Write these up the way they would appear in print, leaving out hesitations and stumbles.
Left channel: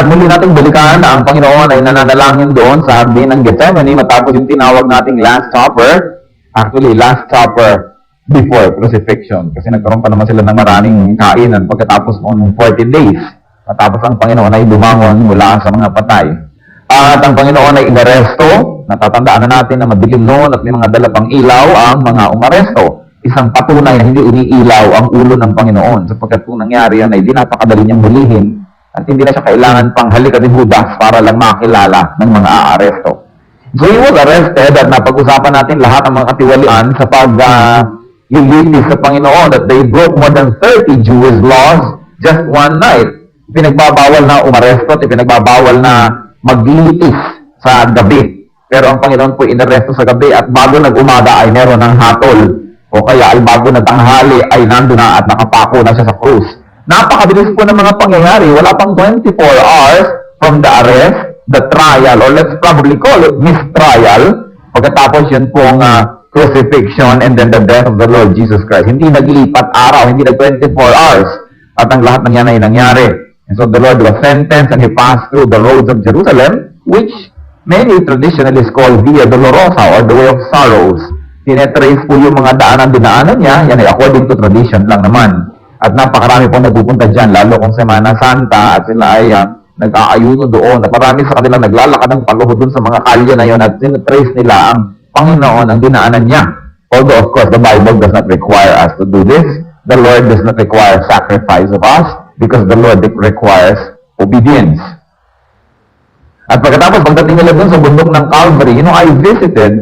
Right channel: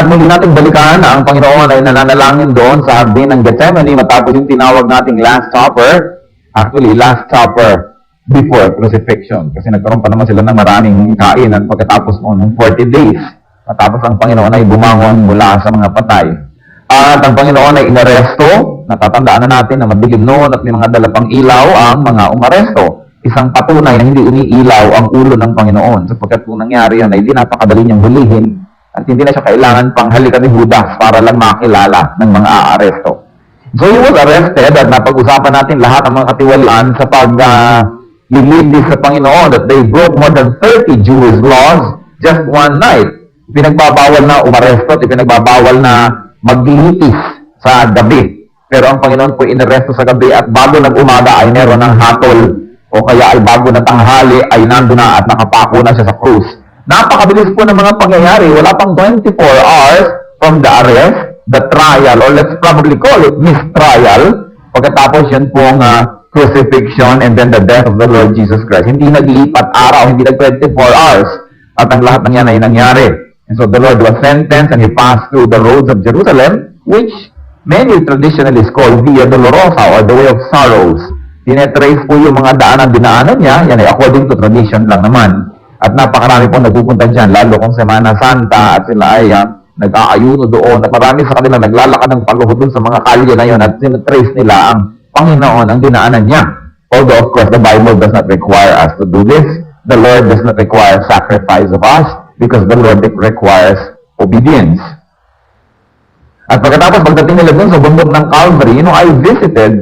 at muli nating balikan ang Panginoon ay nananalangin doon sa Hardin ng Gethsemane matapos yung tinawag nating Last Supper. Actually, Last Supper before crucifixion. Kasi nagkaroon pa naman sila ng maraming kainan pagkatapos ng 40 days. Matapos ang Panginoon ay bumangon mula sa mga patay. At ang Panginoon ay inaresto. Natatandaan na natin na madilim noon at may mga dalapang ilaw ang mga umaresto. Isang patunay na hindi umiilaw ang ulo ng Panginoon sapagkat kung nangyari yan ay di napakadali niyang hulihin at hindi na siya kailangan pang halikabibudas para lang makilala ng mga aaresto. So he was arrested at napag-usapan natin lahat ng mga katiwalian sa pag-lilitis sa Panginoon that they broke more than 30 Jewish laws just one night. Pinagbabawal na umaresto at pinagbabawal na maglilitis sa gabi. Pero ang Panginoon po inaresto sa gabi at bago nag-umaga ay meron ng hatol o kaya ay bago na tanghali ay nandun na at nakapako na siya sa krus. Napakabilis po ng mga pangyayari. Wala pang 24 hours from the arrest, the trial, or let's probably call it mistrial. Pagkatapos yun pong crucifixion and then the death of the Lord Jesus Christ. Hindi naglipat araw, hindi nag 24 hours. At ang lahat ng yan ay nangyari. And so the Lord was sentenced and he passed through the roads of Jerusalem, which many traditionalists call Via Dolorosa or the Way of Sorrows. Tinetrace po yung mga dinaanan niya, yan ay according to tradition lang naman. At napakarami po nagpupunta dyan, lalo kung Semana Santa at sila ay nag-aayuno doon. At marami sa kanila naglalakad ng paluhod doon sa mga kalye na yun at tinetrace nila ang Panginoon, ang dinaanan niya. Although of course the Bible does not require us to do this. The Lord does not require sacrifice of us because the Lord requires obedience. At pagkatapos pagdating nila doon sa bundok ng Calvary, I visited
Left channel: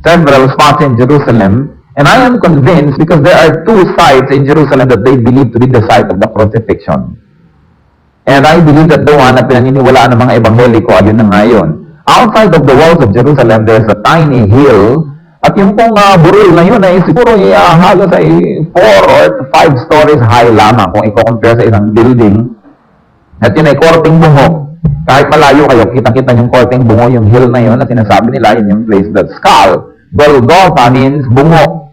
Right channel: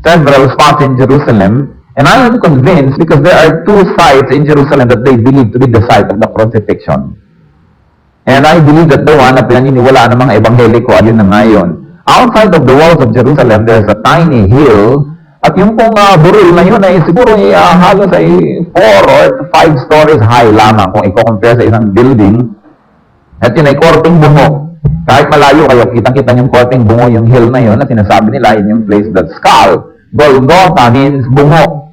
several spots in Jerusalem. And I am convinced because there are two sites in Jerusalem that they believe to be the site of the crucifixion. And I believe that the one na pinaniniwalaan ng mga ebangheliko ay yun na ngayon. Outside of the walls of Jerusalem, there's a tiny hill. At yung pong buril na yun ay siguro halos ay 4 or 5 stories high lamang kung i-compare sa isang building. At yun ay korting bungo. Kahit malayo kayo, kitang-kita yung korting bungo, yung hill na yun, at sinasabi nila yun yung place that skull. Golgotha means bungo.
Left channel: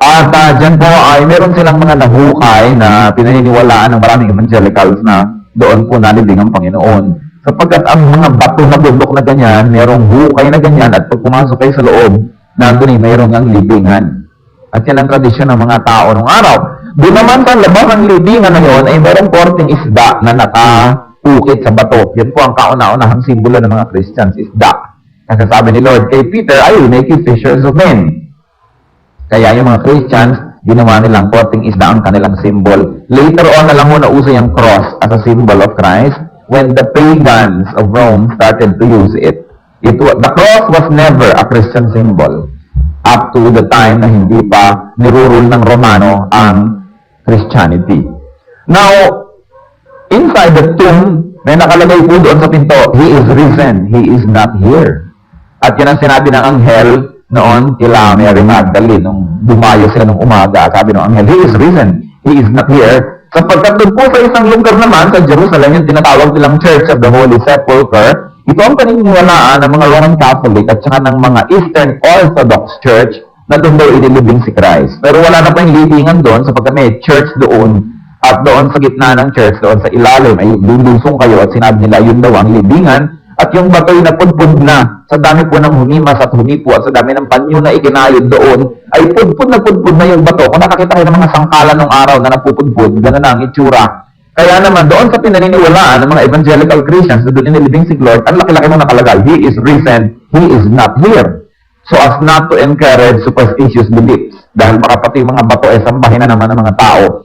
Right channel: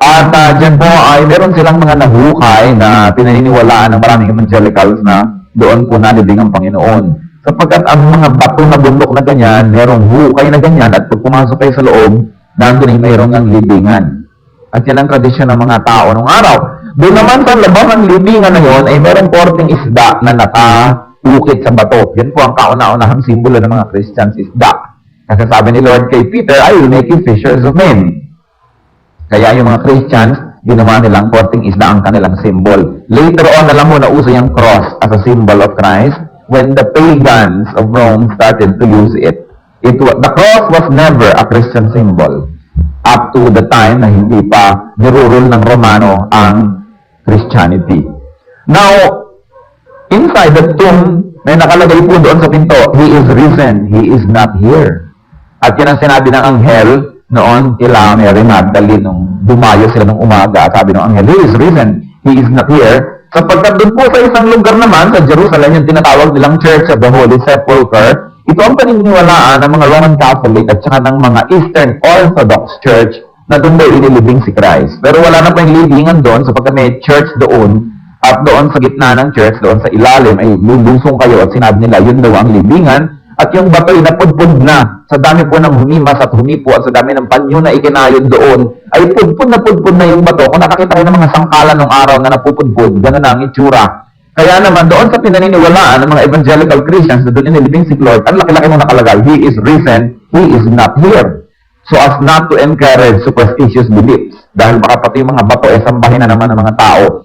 At dyan po ay meron silang mga nahukay na pinaniniwalaan ng maraming evangelicals na doon po nalibing ang Panginoon. Sapagkat ang mga bato na bundok na ganyan, merong hukay na ganyan at pag pumasok kayo sa loob, nandun ay mayroong ang libingan. At yan ang tradisyon ng mga tao nung araw. Doon naman sa labas ng libingan na yon ay merong korting isda na nakaukit sa bato. Yan po ang kauna-unahang simbolo ng mga Christians, isda. Kasi sabi ni Lord kay Peter, I will make you fishers of men. Kaya yung mga Christians, ginawa nilang korting isda ang kanilang symbol. Later on, alam mo na uso yung cross as a symbol of Christ. When the pagans of Rome started to use it, the cross was never a Christian symbol up to the time na hindi pa nirurule ng Romano ang Christianity. Now, inside the tomb, may nakalagay po doon sa pinto, He is risen, He is not here. At yan ang sinabi ng anghel noon kila Mary Magdalene nung dumayo sila nung umaga. Sabi ng anghel, He is risen, He is not here. Sapagkat doon po sa isang lugar naman sa Jerusalem, yung tinatawag nilang Church of the Holy Sepulchre, ito ang paniniwalaan ng mga Roman Catholic at saka ng mga Eastern Orthodox Church na doon daw inilibing si Christ. Pero wala na po yung libingan doon sapagkat may church doon at doon sa gitna ng church, doon sa ilalim ay lulusong kayo at sinabi nila yun daw ang libingan. At yung batoy na pudpud na, sa dami po ng humimas at humipo at sa dami ng panyo na ikinayod doon, ay pudpud na yung bato. Kung nakakita kayo ng mga sangkalan ng araw na napupudpud, gano'n na ang itsura. Kaya naman, doon sa pinaniniwalaan ng mga evangelical Christians na doon inilibing si Lord, ang laki-laki mong nakalagay, He is risen, He is not here. So as not to encourage superstitious beliefs, dahil baka pati yung mga bato ay sambahin na naman ng mga tao.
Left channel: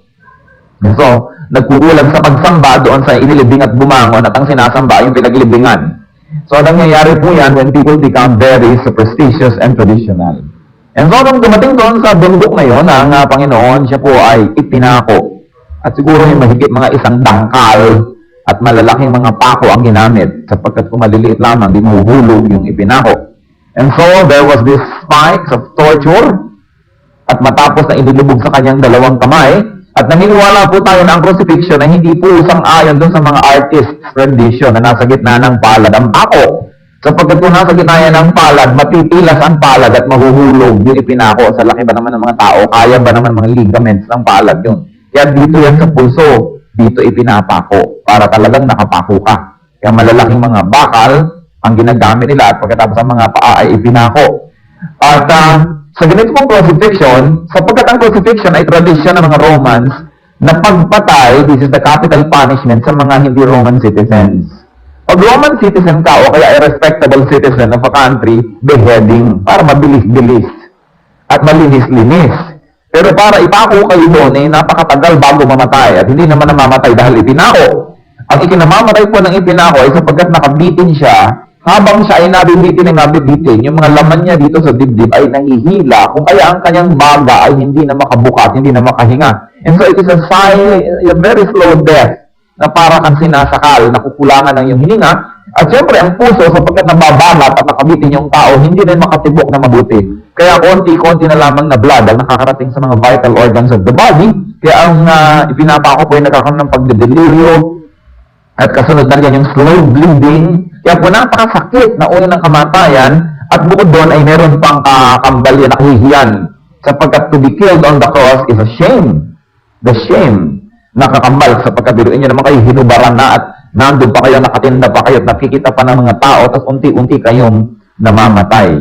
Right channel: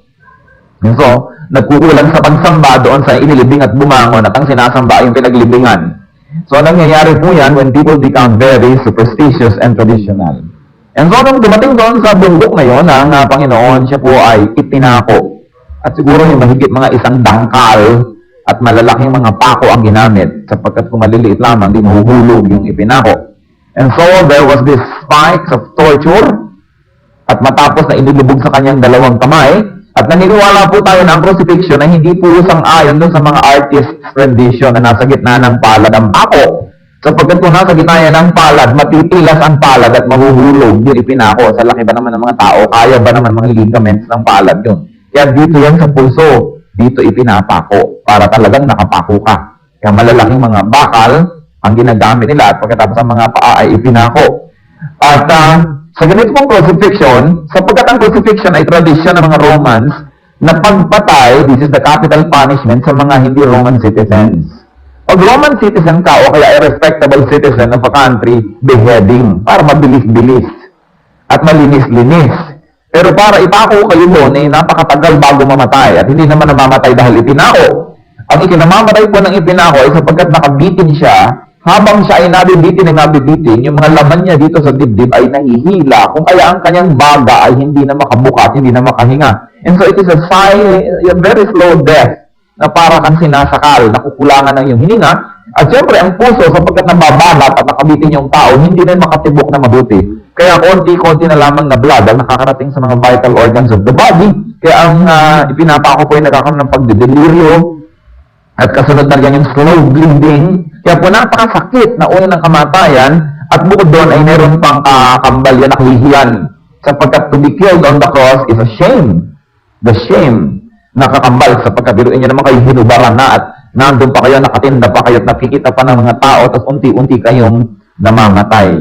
And so, nagkukulang sa pagsamba doon sa inilibing at bumangon at ang sinasamba yung pinaglibingan. So, nangyayari po yan when people become very superstitious and traditional. And so, nung dumating doon sa bundok na yon, ang Panginoon, siya po ay ipinako. At siguro yung mahigit mga isang dangkal at malalaking mga pako ang ginamit sapagkat kung maliliit lamang, di mahuhulog yung ipinako. And so, there was this spikes of torture at matapos na inilubog sa kanyang dalawang kamay, at naniniwala po tayo na ang crucifixion ay hindi po sang-ayon doon sa mga artist's rendition na nasa gitna ng palad ang pako. Sapagkat kung nasa gitna yan ng palad, matipilas ang palad at mahuhulog yung ipinako. Sa laki ba naman ng mga tao, kaya ba naman mga ligaments ng palad yun? Kaya dito yan sa pulso. dito ipinapako para talagang nakapako ka. Kaya malalaking mga bakal ang ginagamit nila at pagkatapos ang mga paa ay ipinako. At sa ganito pong crucifixion, sapagkat ang crucifixion ay tradisyon ng mga Romans na pagpatay, this is the capital punishment sa mga hindi Roman citizens. Pag Roman citizen ka o kaya a respectable citizen of a country, beheading para mabilis-bilis at malinis-linis. Pero para ipako kayo doon, napakatagal bago mamatay at hindi naman namamatay dahil ipinako. Ang ikinamamatay po ng ipinako ay sapagkat nakabitin siya, habang siya ay nabibitin, yung mga laman niya dito sa dibdib ay nahihila, kung kaya ang kanyang baga ay hindi na makabukat, hindi na makahinga. And so it is a very slow death na para kang sinasakal, nakukulangan ng iyong hininga. At syempre, ang puso, sapagkat nababanat at nakabitin yung tao, hindi rin makatibok na mabuti. Kaya konti-konti na lamang na blood ang nakakarating sa mga vital organs of the body. Kaya ang ipinapako po ay nagkakaroon ng pagdedelirio at kasunod na yan yung slow bleeding. Kaya po napakasakit na una ng kamatayan at bukod doon ay meron pang kakambal yan, nakahihiyan. Sapagkat to be killed on the cross is a shame. The shame nakakambal sapagkat biruin nyo naman kayo hinubaran na at nandun pa kayo, nakatinda pa kayo at nakikita pa ng mga tao tapos unti-unti kayong namamatay.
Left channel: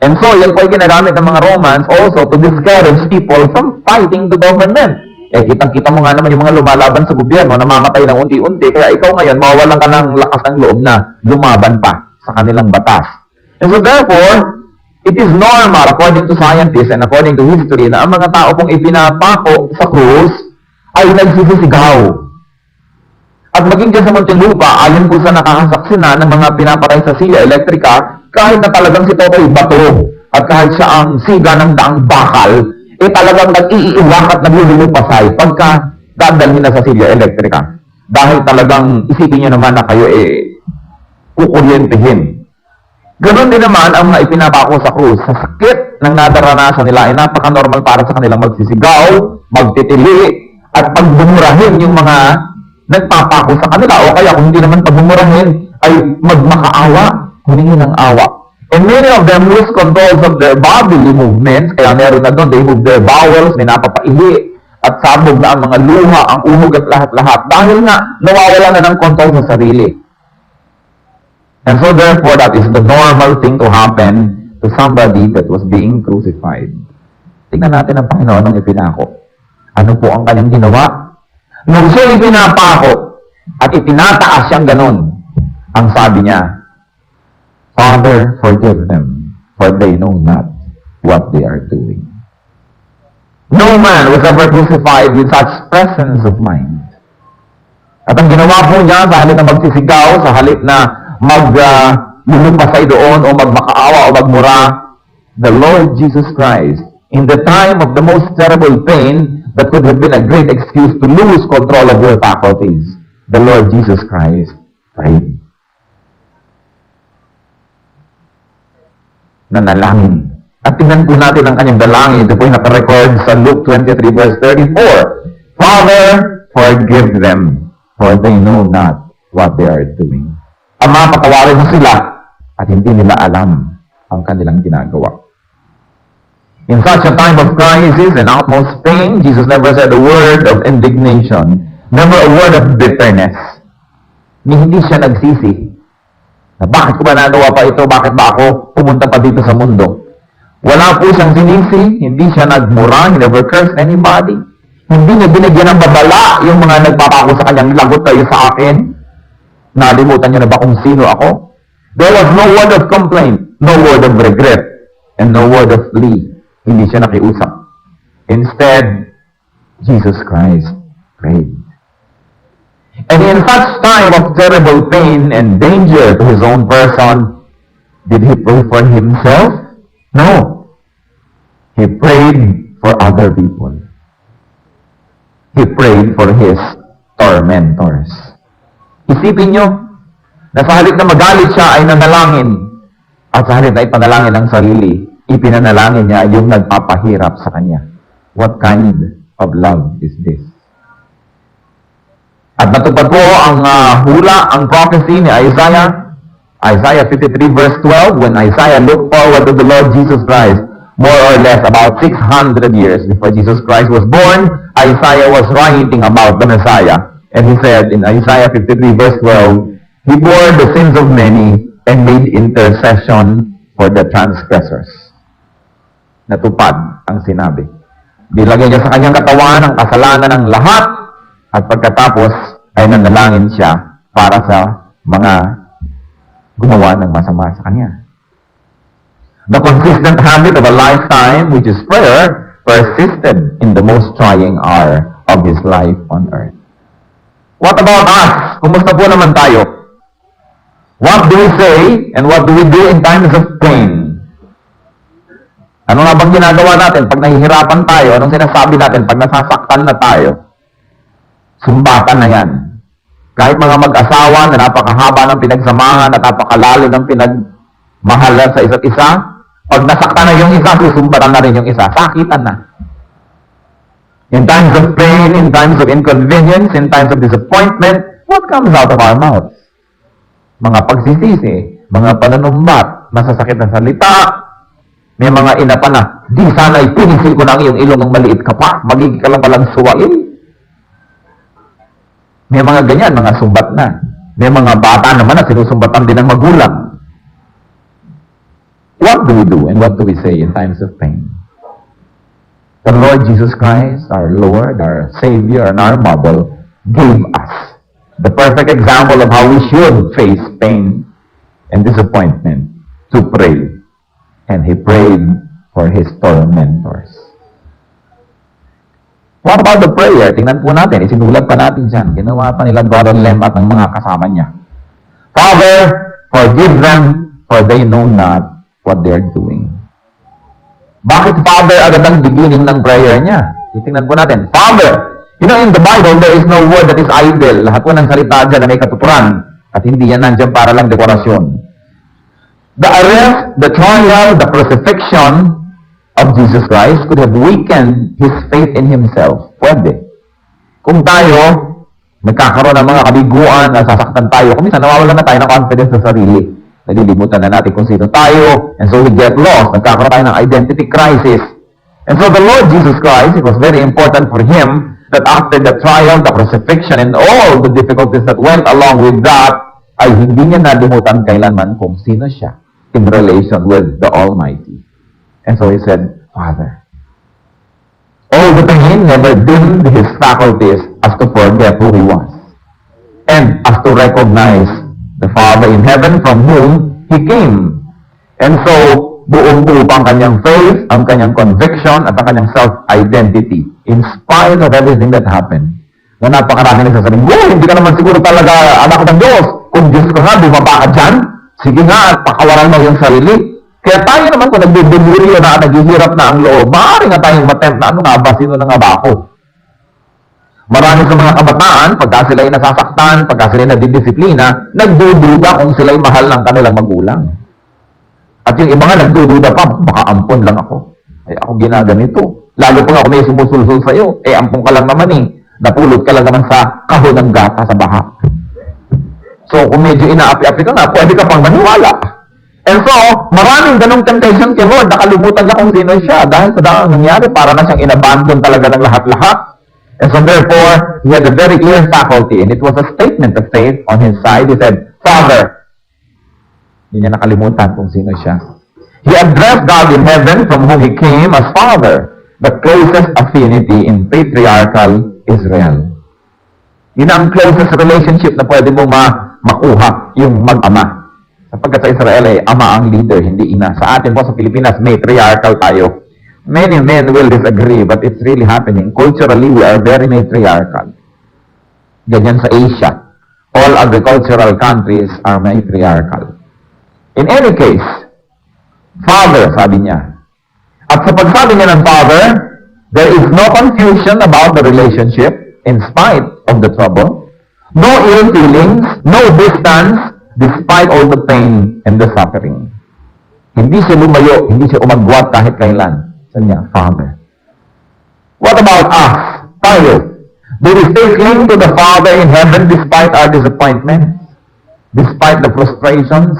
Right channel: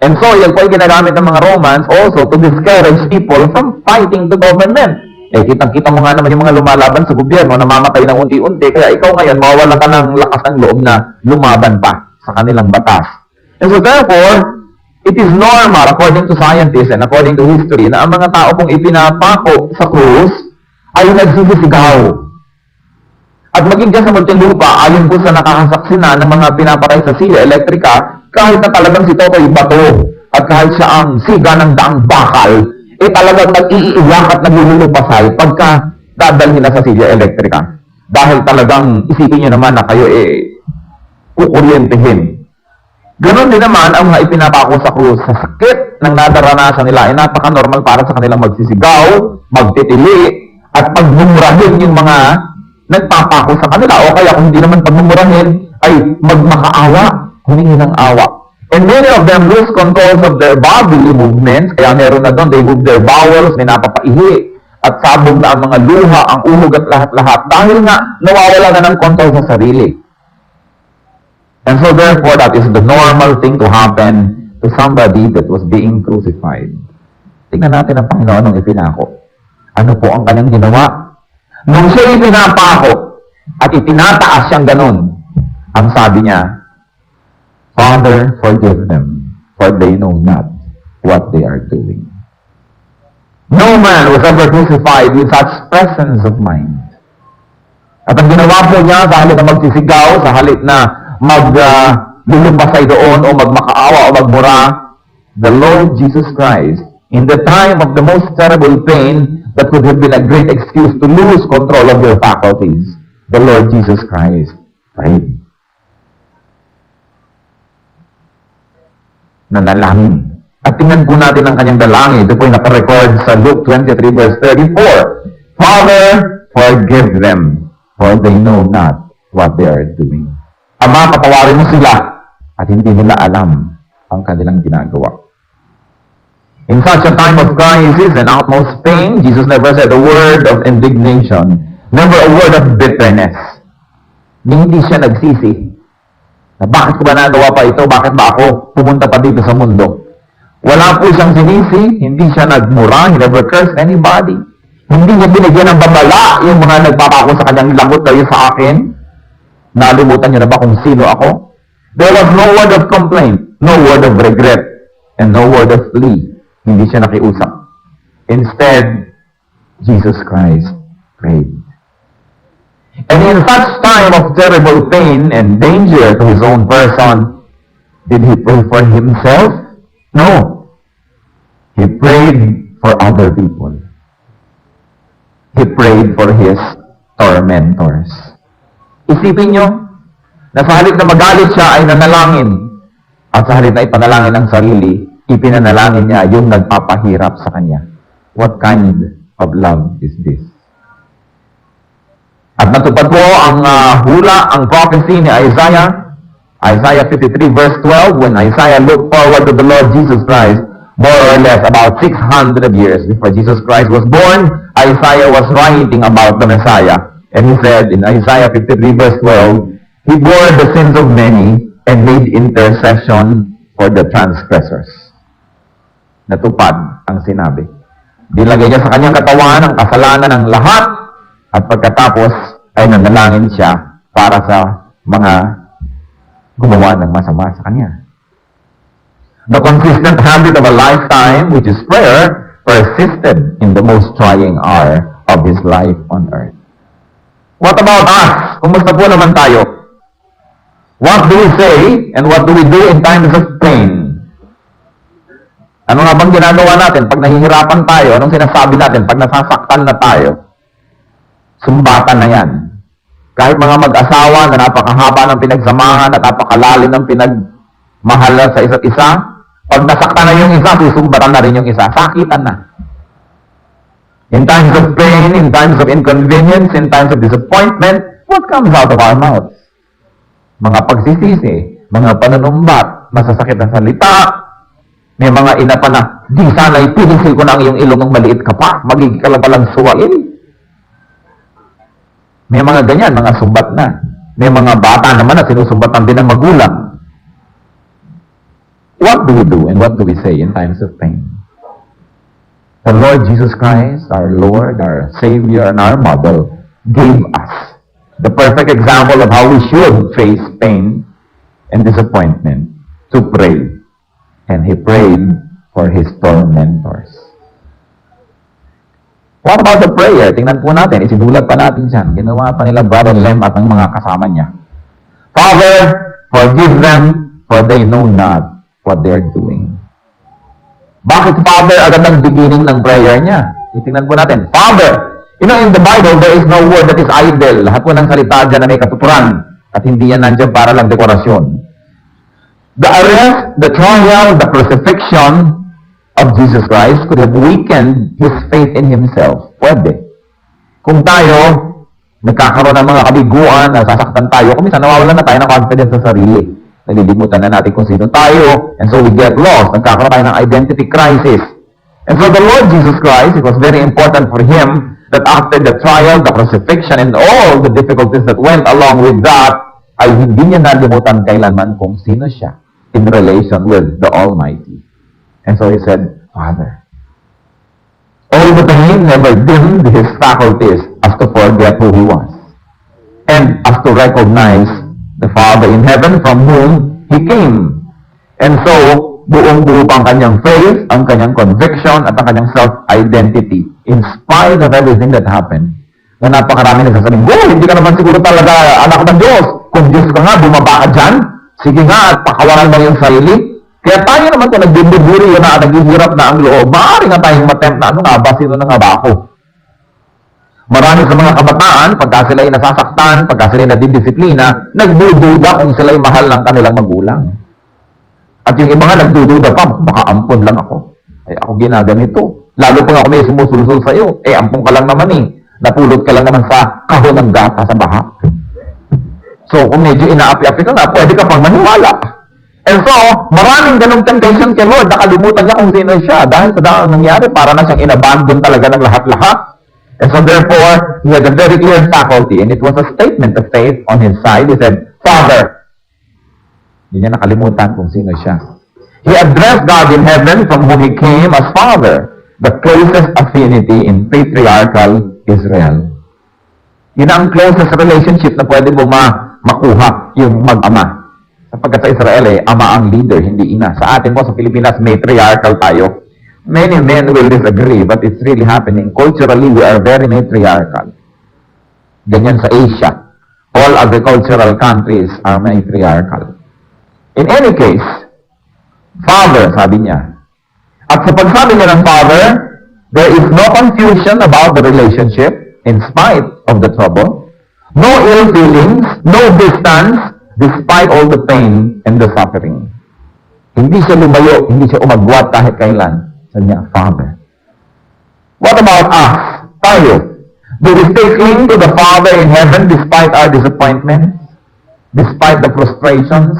And so, yan po ay ginagamit ng mga Romans also to discourage people from fighting the government. Eh, kitang-kita mo nga naman yung mga lumalaban sa gobyerno, namamatay na unti-unti, kaya ikaw ngayon, mawawala ka ng lakas ng loob na lumaban pa sa kanilang batas. And so therefore, it is normal, according to scientists and according to history, na ang mga tao kung ipinapako sa krus ay nagsisisigaw. At maging dyan sa Muntinlupa, ayon po sa nakakasaksi na ng mga pinapatay sa silya elektrika, kahit na talagang si Totoy bato at kahit siya ang siga ng daang bakal, eh talagang nag-iiwak at naglulupasay pagka dadalhin na sa silya elektrika. Dahil talagang isipin nyo naman na kayo kukuryentehin. Ganon din naman ang mga ipinapako sa krus. Sa sakit ng nadaranasan nila ay napaka-normal para sa kanilang magsisigaw, magtitili, at pagbumurahin yung mga nagpapako sa kanila. O kaya kung hindi naman pagbumurahin, ay magmakaawa, humingi ng awa. And many of them lose controls of their bodily movements. Kaya meron na doon, they move their bowels, minapapaihi, at sabog na ang mga luha, ang umog at lahat-lahat. Dahil nga, nawawala na ng control sa sarili. And so therefore, that is the normal thing to happen to somebody that was being crucified. Tingnan natin ang Panginoon ng ipinako. Ano po ang kanyang ginawa? Nung siya ipinapako at itinataas siyang ganon, ang sabi niya, Father, forgive them, for they know not what they are doing. No man was ever crucified with such presence of mind. At ang ginawa po niya, sa halip na magsisigaw, sa halip na maglulupasay doon, o magmakaawa, o magmura, the Lord Jesus Christ, in the time of the most terrible pain, that could have been a great excuse to lose control of your faculties, the Lord Jesus Christ prayed. Nanalangin. At tingnan po natin ang kanyang dalangin. Ito po yung nakarecord sa Luke 23 verse 34. Father, forgive them, for they know not what they are doing. Ama, patawarin mo sila at hindi nila alam ang kanilang ginagawa. In such a time of crisis and utmost pain, Jesus never said a word of indignation, never a word of bitterness. Hindi siya nagsisi. Na bakit ko ba nagawa pa ito? Bakit ba ako pumunta pa dito sa mundo? Wala po siyang sinisi, hindi siya nagmura, he never cursed anybody. Hindi niya binigyan ng babala yung mga nagpapako sa kanyang, lagot kayo sa akin. Nalimutan niyo na ba kung sino ako? There was no word of complaint, no word of regret, and no word of plea. Hindi siya nakiusap. Instead, Jesus Christ prayed. And in such time of terrible pain and danger to his own person, did he pray for himself? No. He prayed for other people. He prayed for his tormentors. Isipin nyo, na sa halip na magalit siya ay nanalangin, at sa halip na ipanalangin ang sarili, ipinanalangin niya yung nagpapahirap sa kanya. What kind of love is this? At natupad po ang hula, ang prophecy ni Isaiah 53 verse 12, when Isaiah looked forward to the Lord Jesus Christ, more or less about 600 years before Jesus Christ was born, Isaiah was writing about the Messiah. And he said in Isaiah 53 verse 12, He bore the sins of many and made intercession for the transgressors. Natupad ang sinabi. Nilagay niya sa kanyang katawan ang kasalanan ng lahat at pagkatapos ay nanalangin siya para sa mga gumawa ng masama sa kanya. The consistent habit of a lifetime, which is prayer, persisted in the most trying hour of his life on earth. What about us? Kumusta po naman tayo? What do we say and what do we do in times of pain? Ano nga bang ginagawa natin pag nahihirapan tayo? Anong sinasabi natin pag nasasaktan na tayo? Sumbatan na yan. Kahit mga mag-asawa na napakahaba ng pinagsamahan at napakalalim ng pinagmahalan sa isa't isa, pag nasaktan na yung isa, susumbatan na rin yung isa. Sakitan na. In times of pain, in times of inconvenience, in times of disappointment, what comes out of our mouths? Mga pagsisisi, mga pananumbat, masasakit na salita, may mga ina pa na, di sana'y pinisil ko na ang iyong ilong ng maliit ka pa, magiging ka lang palang suwain. May mga ganyan, mga sumbat na. May mga bata naman na sinusumbatan din ng magulang. What do we do and what do we say in times of pain? The Lord Jesus Christ, our Lord, our Savior, and our model, gave us the perfect example of how we should face pain and disappointment to pray. And He prayed for His tormentors. What about the prayer? Tingnan po natin. Isinulat pa natin dyan. Ginawa pa nila Brother Lem at ang mga kasama niya. Father, forgive them, for they know not what they're doing. Bakit Father agad ang beginning ng prayer niya? Tingnan po natin. Father! You know, in the Bible, there is no word that is idle. Lahat po ng salita dyan na may katuturan. At hindi yan nandyan para lang dekorasyon. The arrest, the trial, the crucifixion of Jesus Christ could have weakened His faith in Himself. Pwede. Kung tayo, nagkakaroon ng mga kabiguan, nasasaktan tayo, kung minsan nawawalan na tayo ng confidence sa sarili. Nalilimutan na natin kung sino tayo, and so we get lost. Nagkakaroon tayo ng identity crisis. And so the Lord Jesus Christ, it was very important for Him that after the trial, the crucifixion, and all the difficulties that went along with that, ay hindi niya nalimutan kailanman kung sino siya in relation with the Almighty. And so He said, Father. All the pain never dimmed His faculties as to forget who He was. And as to recognize the Father in heaven from whom He came. And so, buong-buo pa ang kanyang faith, ang kanyang conviction, at ang kanyang self-identity. In spite of everything that happened. Na napakarami nagsasabing, hindi ka naman siguro talaga anak ng Diyos. Kung Diyos ka nga, bumaba ka dyan. Sige nga, at pakawalan mo yung sarili. Kaya tayo naman kung nagbibiguri na naghihirap na ang loob, maaari nga tayong matempt na ano nga ba, sino na nga ba ako? Marami sa mga kabataan, pagka sila'y nasasaktan, pagka sila'y nadidisiplina, nagdududa kung sila'y mahal ng kanilang magulang. At yung iba nga nagdududa pa, baka ampon lang ako. Ako ginaganito. Lalo kung ako may sumusulsul sa'yo, ampon ka lang naman napulot ka lang naman sa kahon ng gata sa baha. So, kung medyo inaapi-api ka na, pwede ka pang maniwala. And so, maraming ganong temptation kay Lord, nakalimutan niya kung sino siya. Dahil sa dahil nangyari, para na siyang inabandon talaga ng lahat-lahat. And so, therefore, he had a very clear faculty. And it was a statement of faith on his side. He said, Father. Hindi niya nakalimutan kung sino siya. He addressed God in heaven from whom He came as Father, the closest affinity in patriarchal Israel. Yun ang closest relationship na pwede mo makuha, yung mag-ama. Sapagkat sa Israel, ama ang leader, hindi ina. Sa atin po, sa Pilipinas, matriarchal tayo. Many men will disagree, but it's really happening. Culturally, we are very matriarchal. Ganyan sa Asia. All agricultural countries are matriarchal. In any case, Father, sabi niya. At sa pagsabi niya ng Father, there is no confusion about the relationship in spite of the trouble. No ill feelings, no distance, despite all the pain and the suffering. Hindi siya lumayo, hindi siya umagwat kahit kailan. Sa niya, Father. What about us? Tayo. Do we stay cling to the Father in heaven despite our disappointments? Despite the frustrations?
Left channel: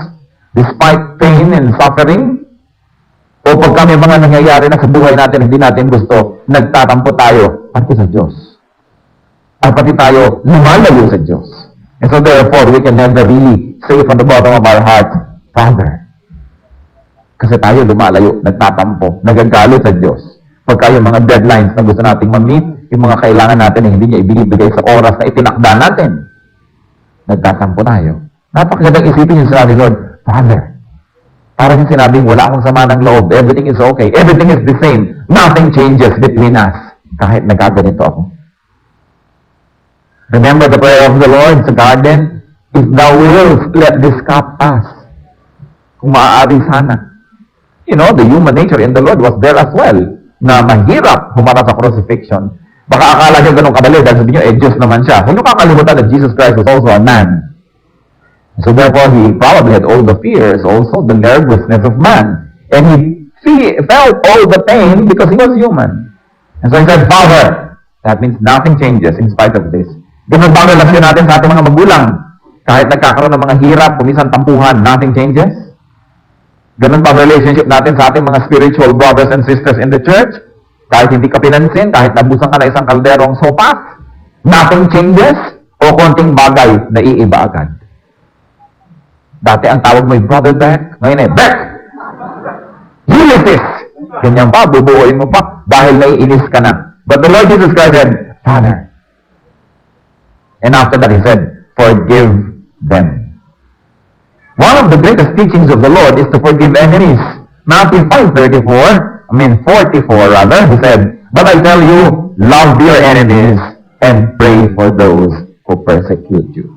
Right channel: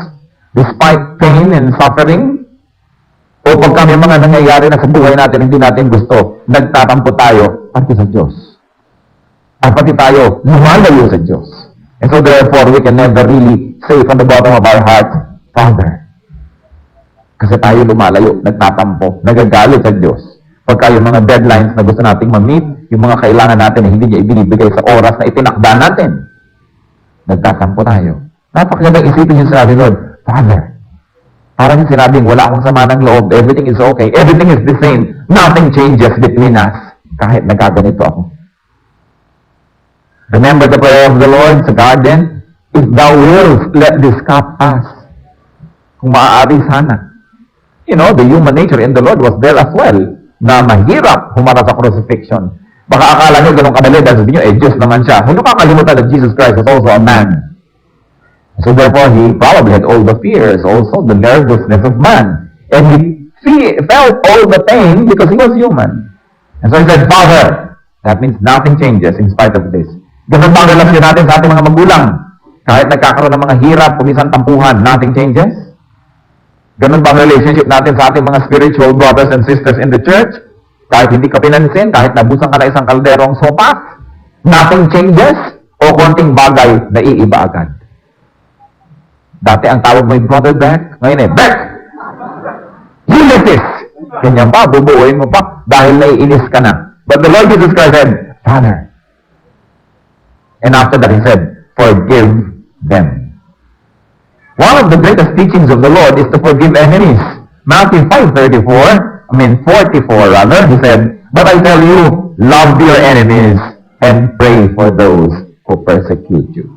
Despite pain and suffering? O pagka may mga nangyayari na sa buhay natin, hindi natin gusto, nagtatampo tayo, pati sa Diyos. At pati tayo, lumalayo sa Diyos. And so therefore, we can never really say from the bottom of our heart, Father. Kasi tayo lumalayo, nagtatampo, nagagalit sa Diyos. Pagka yung mga deadlines na gusto nating ma-meet, yung mga kailangan natin na hindi niya ibinibigay sa oras na itinakda natin, nagtatampo tayo. Napakagandang isipin yung sinabi, Lord, Father, parang yung sinabing, wala akong sama ng loob, everything is okay, everything is the same, nothing changes between us, kahit nagaganito ako. Remember the prayer of the Lord sa garden? If thou wilt, let this cup pass. Kung maaari sana. You know, the human nature in the Lord was there as well, na mahirap humarap sa crucifixion. Baka akala nyo ganun kadali, dahil sabi nyo, Diyos naman siya. Huwag nyo kakalimutan that Jesus Christ was also a man. So therefore, he probably had all the fears, also the nervousness of man. And he felt all the pain because he was human. And so he said, Father, that means nothing changes in spite of this. Ganun ba ang relasyon natin sa ating mga magulang? Kahit nagkakaroon ng mga hirap, kumisan tampuhan, nothing changes? Ganun ba ang relationship natin sa ating mga spiritual brothers and sisters in the church? Kahit hindi ka pinansin, kahit nabusan ka na isang kalderong sopas, nothing changes? O konting bagay na iiba agad? Dati ang tawag mo yung brother Beck, ngayon Beck! Ulysses! Ganyan pa, bubuuin mo pa, dahil naiinis ka na. But the Lord Jesus Christ said, Father. And after that he said, forgive them. One of the greatest teachings of the Lord is to forgive enemies. Matthew 44, he said, but I tell you, love your enemies and pray for those who persecute you.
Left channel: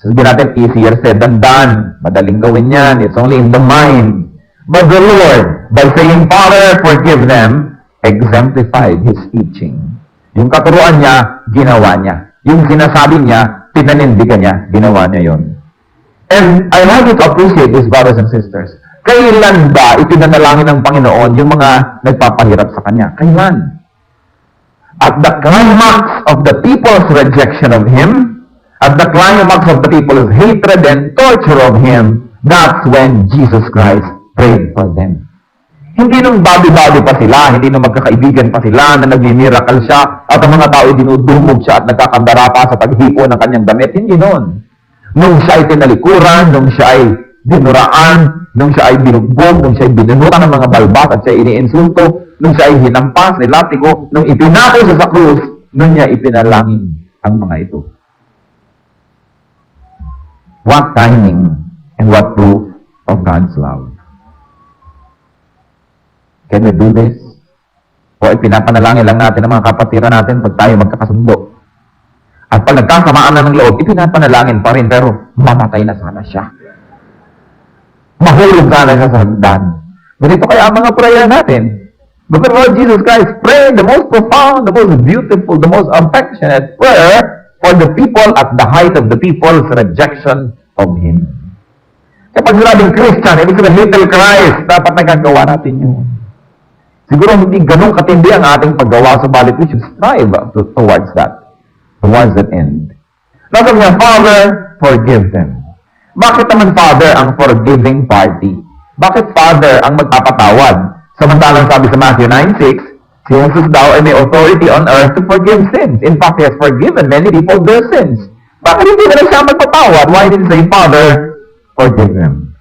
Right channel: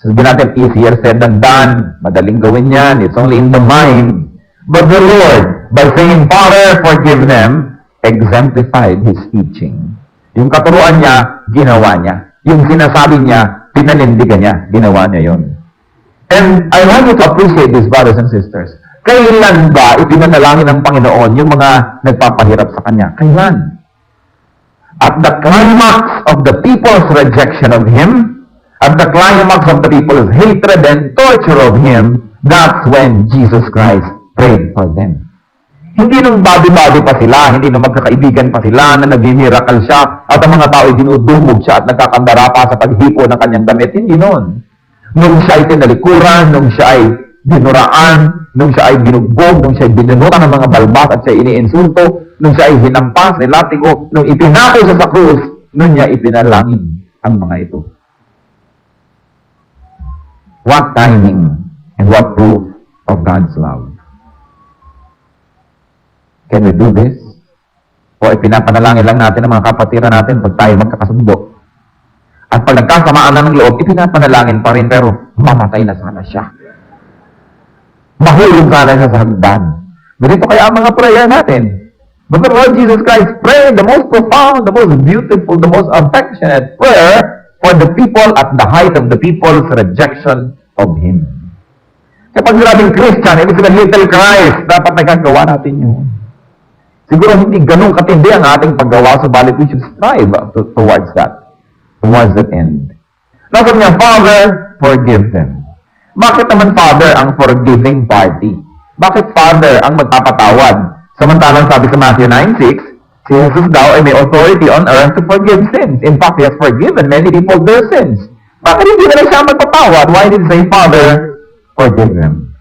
Sabi natin, easier said than done. Madaling gawin yan. It's only in the mind. But the Lord, by saying, Father, forgive them, exemplified His teaching. Yung katuruan niya, ginawa niya. Yung sinasabi niya, pinanindigan niya, ginawa niya yon. And I want you to appreciate this, brothers and sisters. Kailan ba ipinanalangin ng Panginoon yung mga nagpapahirap sa Kanya? Kailan? At the climax of the people's rejection of Him, at the climax of the people's hatred and torture of Him, that's when Jesus Christ prayed for them. Hindi nung babi-babi pa sila, hindi nung magkakaibigan pa sila, na nag-miracle siya, at ang mga tao ay dinudumog siya at nagkakandara pa sa paghipo ng kanyang damit. Hindi noon. Nung siya ay tinalikuran, nung siya ay dinuraan, nung siya ay binugbog, nung siya ay binunutan ng mga balbat at siya ay iniinsulto, nung siya ay hinampas, nilatigo, nung ipinako siya sa krus, nung niya ipinalangin ang mga ito. What timing and what proof of God's love. Can we do this? O ipinapanalangin lang natin ang mga kapatiran natin pag tayo magkakasundo. At pag nagkasamaan na ng loob, ipinapanalangin pa rin, pero mamatay na sana siya. Mahulog sana siya sa hagdan. Ganito kaya ang mga prayer natin. But the Lord Jesus Christ prayed the most profound, the most beautiful, the most affectionate prayer for the people at the height of the people's rejection of Him. Kapag sinabing Christian, ibig sabihin little Christ, dapat nagagawa natin yun. Siguro hindi ganun katindi ang ating paggawa, subalit we should strive towards that end. Sabi niya, Father, forgive them. Bakit naman Father ang forgiving party? Bakit Father ang magpapatawad? Samantalang sabi sa Matthew 9:6, si Jesus daw ay may authority on earth to forgive sins. In fact, He has forgiven many people their sins. Bakit hindi na lang siya magpapatawad? Why did He say, Father, forgive them?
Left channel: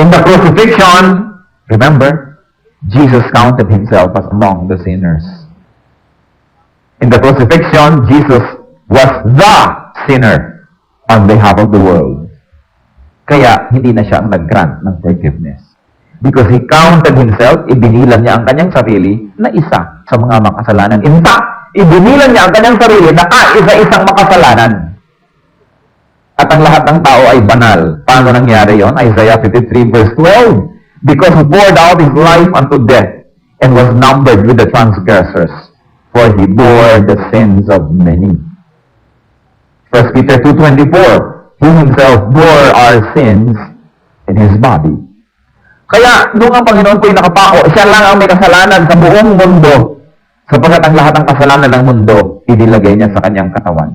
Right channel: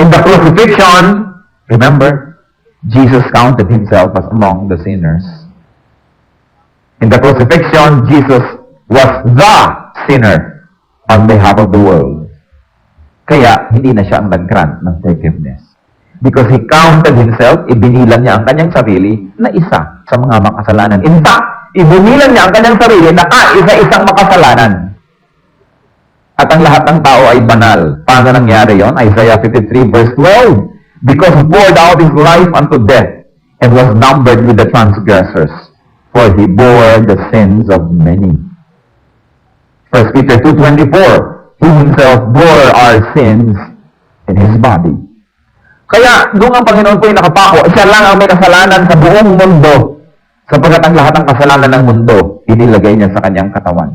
In the crucifixion, remember, Jesus counted Himself as among the sinners. In the crucifixion, Jesus was the sinner on behalf of the world. Kaya, hindi na siya nag-grant ng forgiveness. Because He counted Himself, ibinilan niya ang kanyang sarili na isa sa mga makasalanan. In fact, ibinilan niya ang kanyang sarili na isa-isang makasalanan. At ang lahat ng tao ay banal. Paano nangyari yon? Isaiah 53 verse 12. Because He poured out His life unto death and was numbered with the transgressors, for He bore the sins of many. 1 Peter 2:24, He Himself bore our sins in His body. Kaya, nung ang Panginoon po ay nakapako, siya lang ang may kasalanan sa buong mundo, sapagkat ang lahat ng kasalanan ng mundo, inilagay niya sa kanyang katawan.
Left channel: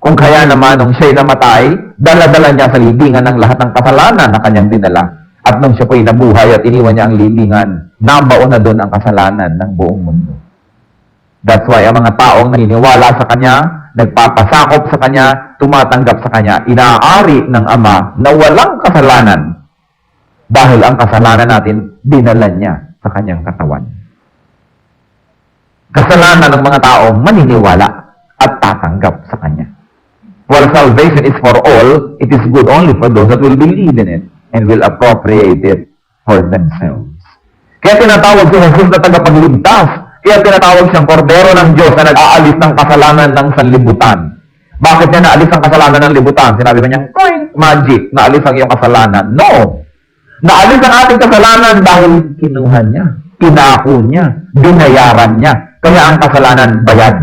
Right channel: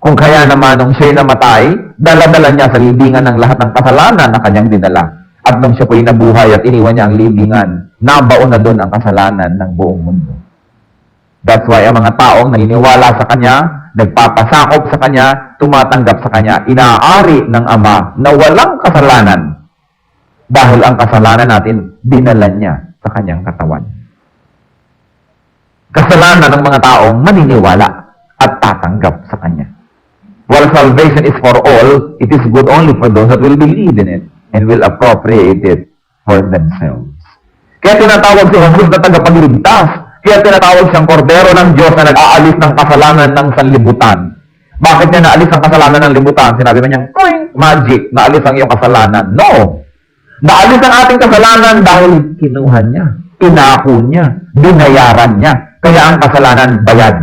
Kung kaya naman nung siya'y namatay, dala-dala niya sa libingan ng lahat ng kasalanan na kanyang dinala. At nung siya po'y nabuhay at iniwan niya ang libingan, nabaon na doon ang kasalanan ng buong mundo. That's why ang mga taong naniniwala sa Kanya, nagpapasakop sa Kanya, tumatanggap sa Kanya, inaari ng Ama na walang kasalanan. Dahil ang kasalanan natin, dinala niya sa Kanyang katawan. Kasalanan ng mga taong maniniwala at tatanggap sa Kanya. While salvation is for all, it is good only for those that will believe in it and will appropriate it for themselves. Kaya tinatawag si Jesus na tagapagligtas. Kaya tinatawag siyang kordero ng Diyos na nag-aalis ng kasalanan ng sanlibutan. Bakit niya naalis ang kasalanan ng libutan? Sinabi ba niya, magic, naalis ang iyong kasalanan. No! Naalis ang ating kasalanan dahil kinuha niya, pinako niya, binayaran niya. Kaya ang kasalanan bayad.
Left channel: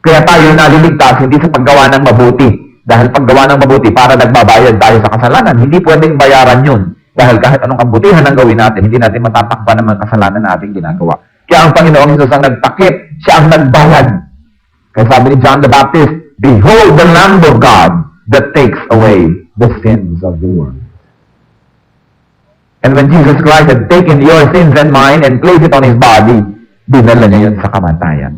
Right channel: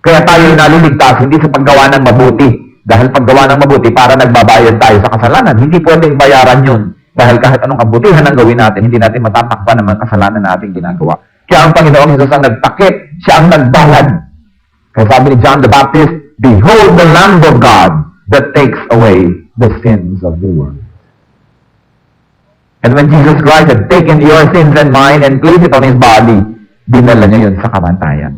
Kaya tayo naliligtas hindi sa paggawa ng mabuti. Dahil paggawa ng mabuti para nagbabayad tayo sa kasalanan. Hindi pwedeng bayaran yun. Dahil kahit anong kabutihan ang gawin natin, hindi natin matatakpan ng mga kasalanan na ating ginagawa. Kaya ang Panginoong Jesus ang nagtakip, siya ang nagbayad. Kaya sabi ni John the Baptist, "Behold the Lamb of God that takes away the sins of the world." And when Jesus Christ had taken your sins and mine and placed it on His body, dinala niya yun sa kamatayan.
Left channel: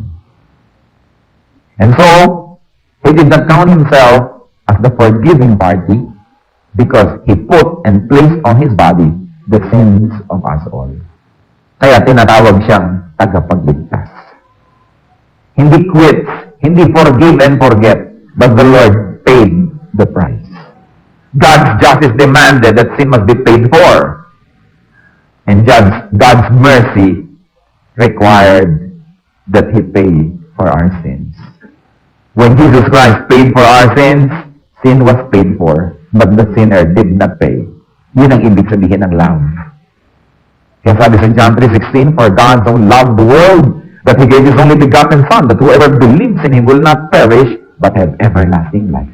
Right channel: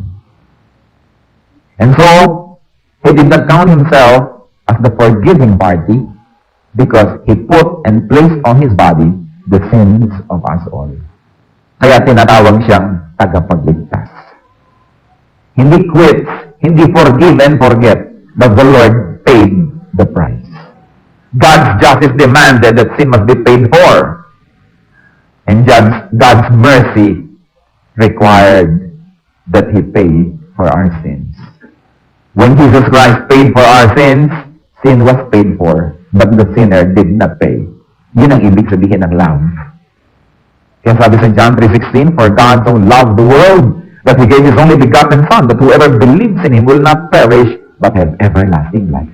And so, He did not count Himself as the forgiving party because He put and placed on His body the sins of us all. Kaya tinatawag siyang tagapagligtas. Hindi quits, hindi forgive and forget, but the Lord paid the price. God's justice demanded that sin must be paid for. And God's mercy required that He pay for our sins. When Jesus Christ paid for our sins, sin was paid for, but the sinner did not pay. Yun ang ibig sabihin ng love. Kaya sabi sa John 3:16, "For God so loved the world that He gave His only begotten Son, that whoever believes in Him will not perish, but have everlasting life."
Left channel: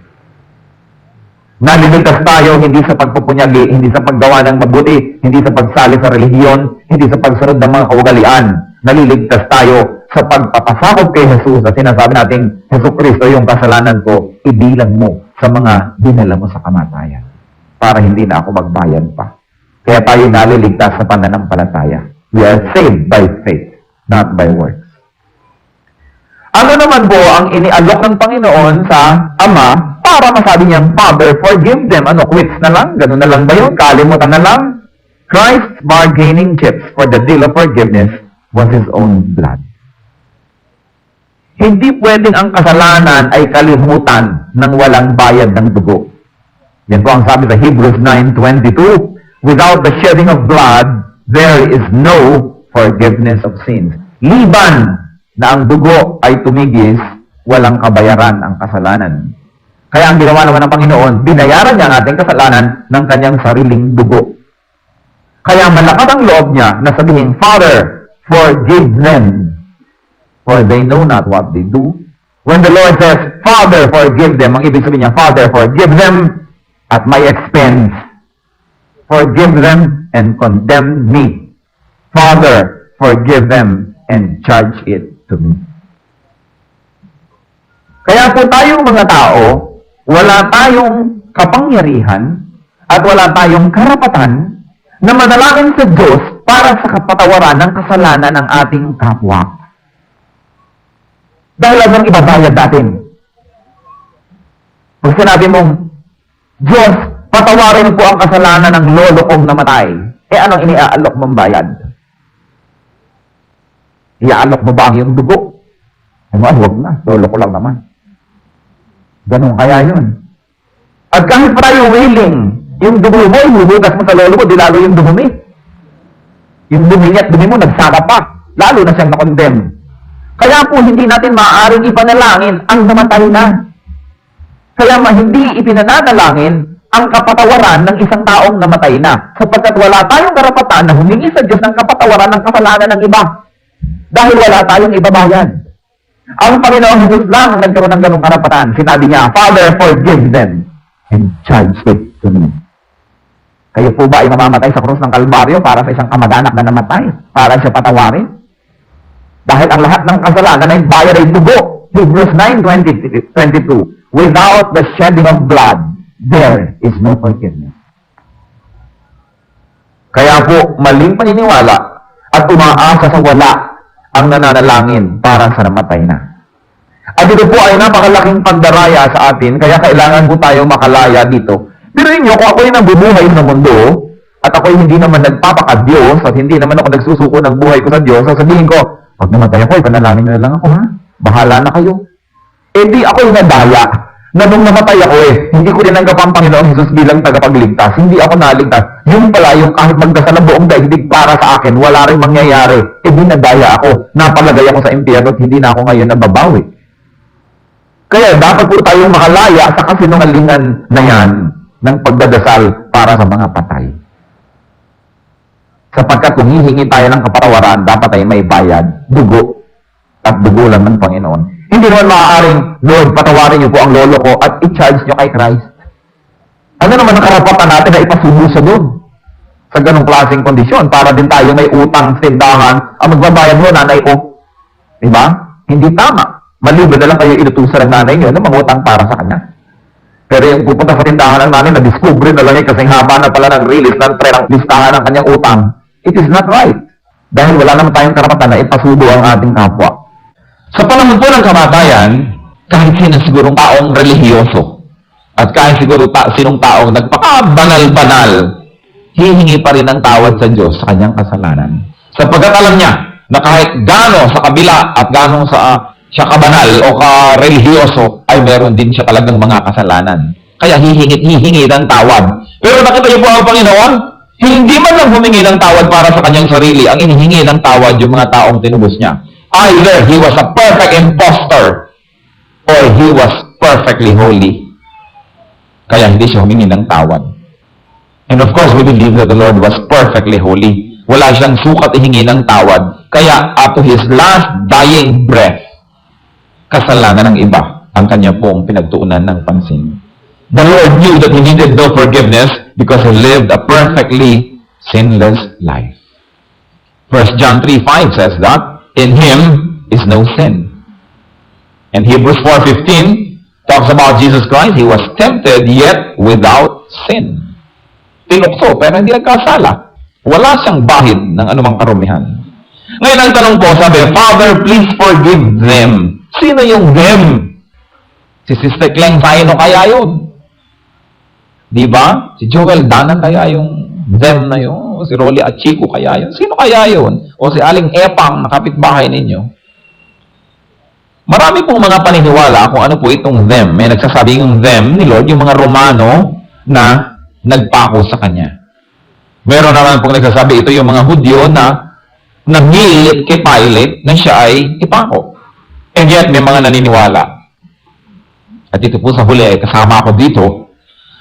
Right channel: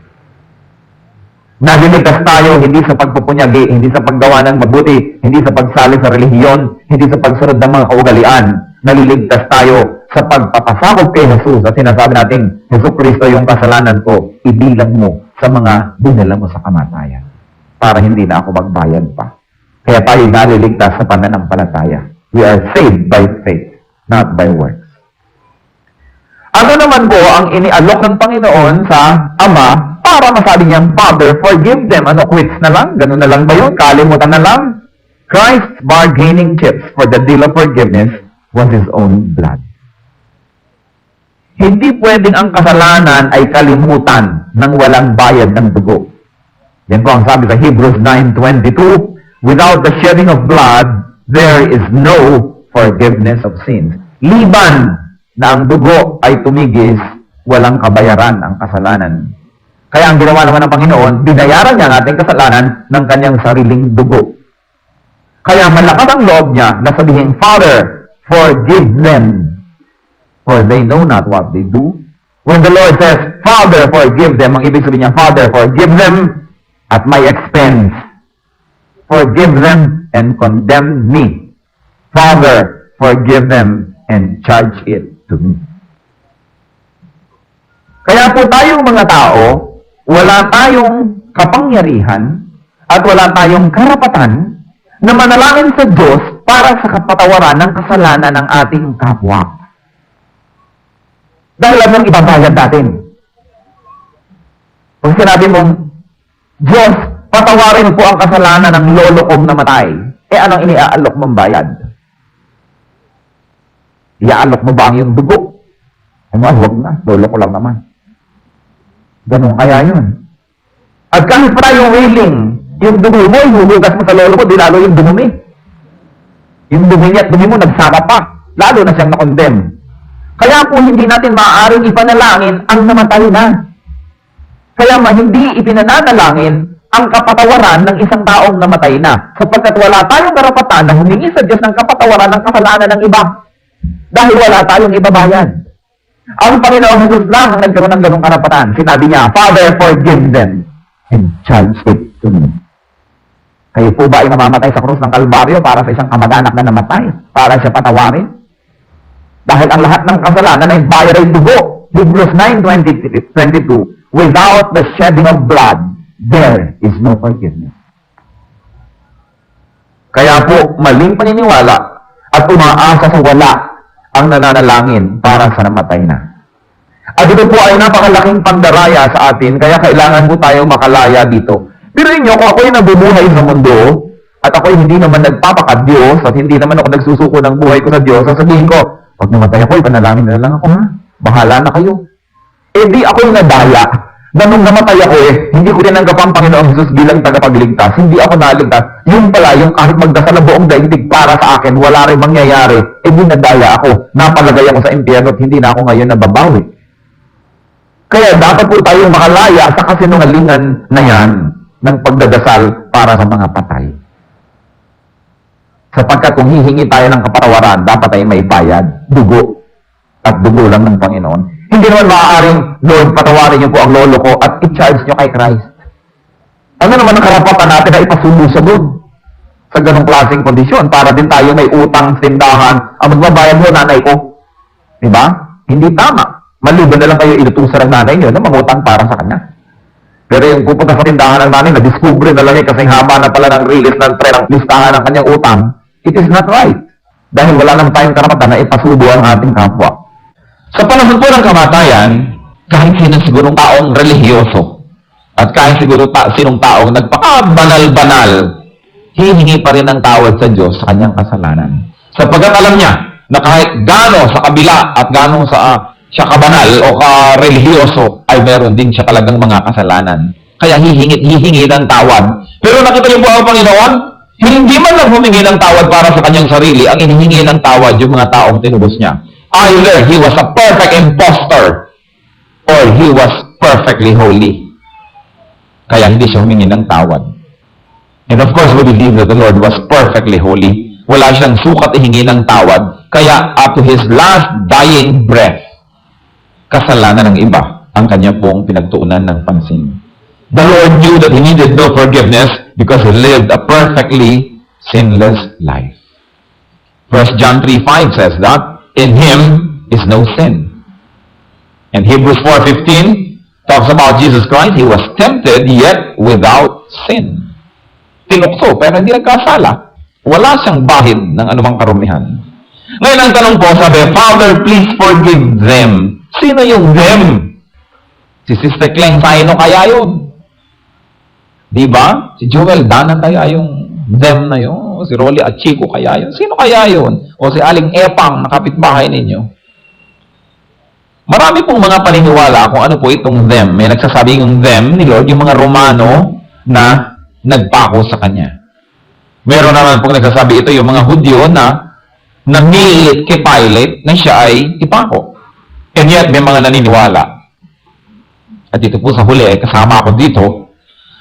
Naliligtas tayo hindi sa pagpupunyagi, hindi sa paggawa ng mabuti, hindi sa pagsali sa relihiyon, hindi sa pagsunod ng mga kaugalian. Naliligtas tayo sa pagpapasakop kay Jesus at sinasabi natin, "Jesus Kristo, yung kasalanan ko, ibilang mo sa mga dinala mo sa kamatayan para hindi na ako magbayad pa." Kaya tayo naliligtas sa pananampalataya. We are saved by faith, not by works. Ano naman po ang inialok ng Panginoon sa Ama para masabi niyang, "Father, forgive them." Ano, quits na lang? Ganun na lang ba yun? Kalimutan na lang? Christ's bargaining chips for the deal of forgiveness was His own blood. Hindi pwedeng ang kasalanan ay kalimutan ng walang bayad ng dugo. Yan po ang sabi sa Hebrews 9:22, "Without the shedding of blood, there is no forgiveness of sins." Liban na ang dugo ay tumigis, walang kabayaran ang kasalanan. Kaya ang ginawa naman ng Panginoon, binayaran niya ang ating kasalanan ng kanyang sariling dugo. Kaya malakas ang loob niya na sabihin, "Father, forgive them, for they know not what they do." When the Lord says, "Father, forgive them," ang ibig sabihin niya, "Father, forgive them at my expense. Forgive them and condemn me. Father, forgive them and charge it to me." Kaya po tayong mga tao, wala tayong kapangyarihan at wala tayong karapatan na manalangin sa Diyos para sa kapatawaran ng kasalanan ng ating kapwa. Dahil anong ibabayad natin? Kung sinabi mong, "Diyos, patawarin po ang kasalanan ng lolo kong namatay," anong iniaalok mong bayad? Iaalok mo ba ang iyong dugo? Huwag na, lolo ko lang naman. Ganun kaya yun. At kahit pa tayo willing, yung dugo mo, ihuhugas mo sa lolo mo, di lalo yung dumumi. Yung dumi niya at dumi mo, nagsaka pa. Lalo na siyang nakondem. Kaya po hindi natin maaaring ipanalangin ang namatay na. Kaya hindi ipinananalangin ang kapatawaran ng isang taong namatay na. Sapagkat wala tayong karapatan na humingi sa Diyos ng kapatawaran ng kasalanan ng iba. Dahil wala tayong ibabayad. Ang Panginoong Jesus lang ang nagkaroon ng ganong karapatan. Sinabi niya, "Father, forgive them and charge it to me." Kayo po ba ay mamamatay sa krus ng Kalbaryo para sa isang kamag-anak na namatay? Para siya patawarin? Dahil ang lahat ng kasalanan ay bayad ay dugo. Hebrews 9:22, "Without the shedding of blood, there is no forgiveness." Kaya po, maling paniniwala at umaasa sa wala ang nananalangin para sa namatay na. At ito po ay napakalaking pandaraya sa atin, kaya kailangan po tayo makalaya dito. Pero inyo, kung ako'y nabubuhay sa mundo, at ako'y hindi naman nagpapaka-Diyos, at hindi naman ako nagsusuko ng buhay ko sa Diyos, sasabihin ko, pag namatay ako, ipanalangin na lang ako, ha? Bahala na kayo. Eh di ako'y nadaya, na nung namatay ako hindi ko tinanggap ang Panginoong Jesus bilang tagapagligtas. Hindi ako naligtas. Yun pala, yung kahit magdasal ng buong daigdig para sa akin, wala rin mangyayari. Eh di nadaya ako. Napalagay ako sa impyerno at hindi na ako ngayon nababawi. Kaya dapat po tayong makalaya sa kasinungalingan na yan ng pagdadasal para sa mga patay. Sapagkat kung hihingi tayo ng kapatawaran, dapat ay may bayad, dugo, at dugo lang ng Panginoon. Hindi naman maaaring, Lord, patawarin niyo po ang lolo ko at i-charge niyo kay Christ. Ano naman ang karapatan natin na ipasubo siya doon? Sa ganong klaseng kondisyon, para din tayo may utang tindahan, ang magbabayad mo, nanay ko. Diba? Hindi tama. Maliban na lang kayo inutusan ng nanay niyo na mangutang para sa kanya. Pero yung pupunta sa tindahan ng nanay, na-discover na lang kasi haba na pala ng release ng tren ang listahan ng kanyang utang, it is not right. Dahil wala naman tayong karapatan na ipasubo ang ating kapwa. Sa panahon po ng kamatayan, kahit sino sigurong taong relihiyoso, at kahit siguro sinong taong nagpaka-banal-banal, hihingi pa rin ng tawad sa Diyos sa kanyang kasalanan. Sapagkat alam niya na kahit gaano sa kabila at gaano siya kabanal o ka-relihiyoso, ay meron din siya talagang mga kasalanan. Kaya hihingi ng tawad. Pero nakita niyo po ang Panginoon, hindi man lang humingi ng tawad para sa kanyang sarili, ang inihingi ng tawad yung mga taong tinubos niya. Either he was a perfect impostor or he was perfectly holy. Kaya hindi siya humingi ng tawad. And of course, we believe that the Lord was perfectly holy. Wala siyang sukat ihingi ng tawad. Kaya up to his last dying breath, kasalanan ng iba ang kanya pong pinagtuunan ng pansin. The Lord knew that he needed no forgiveness because he lived a perfectly sinless life. 1 John 3:5 says that, in him is no sin. And Hebrews 4:15 talks about Jesus Christ. He was tempted yet without sin. Tinukso pero hindi nagkasala. Wala siyang bahid ng anumang karumihan. Ngayon ang tanong po, sabi, Father, please forgive them. Sino yung them? Si Sister Kleng Saino kaya yun? Diba? Si Joel Danan kaya yung them na yun? O si Rolly Achico kaya yun? Sino kaya yun? O si Aling Epang na kapitbahay ninyo? Marami pong mga paniniwala kung ano po itong them. May nagsasabing yung them ni Lord, yung mga Romano na nagpako sa Kanya. Meron naman pong nagsasabi ito yung mga Hudyo na nagnilit kay Pilate na siya ay ipako. And yet, may mga naniniwala. At ito po sa huli, kasama ako dito,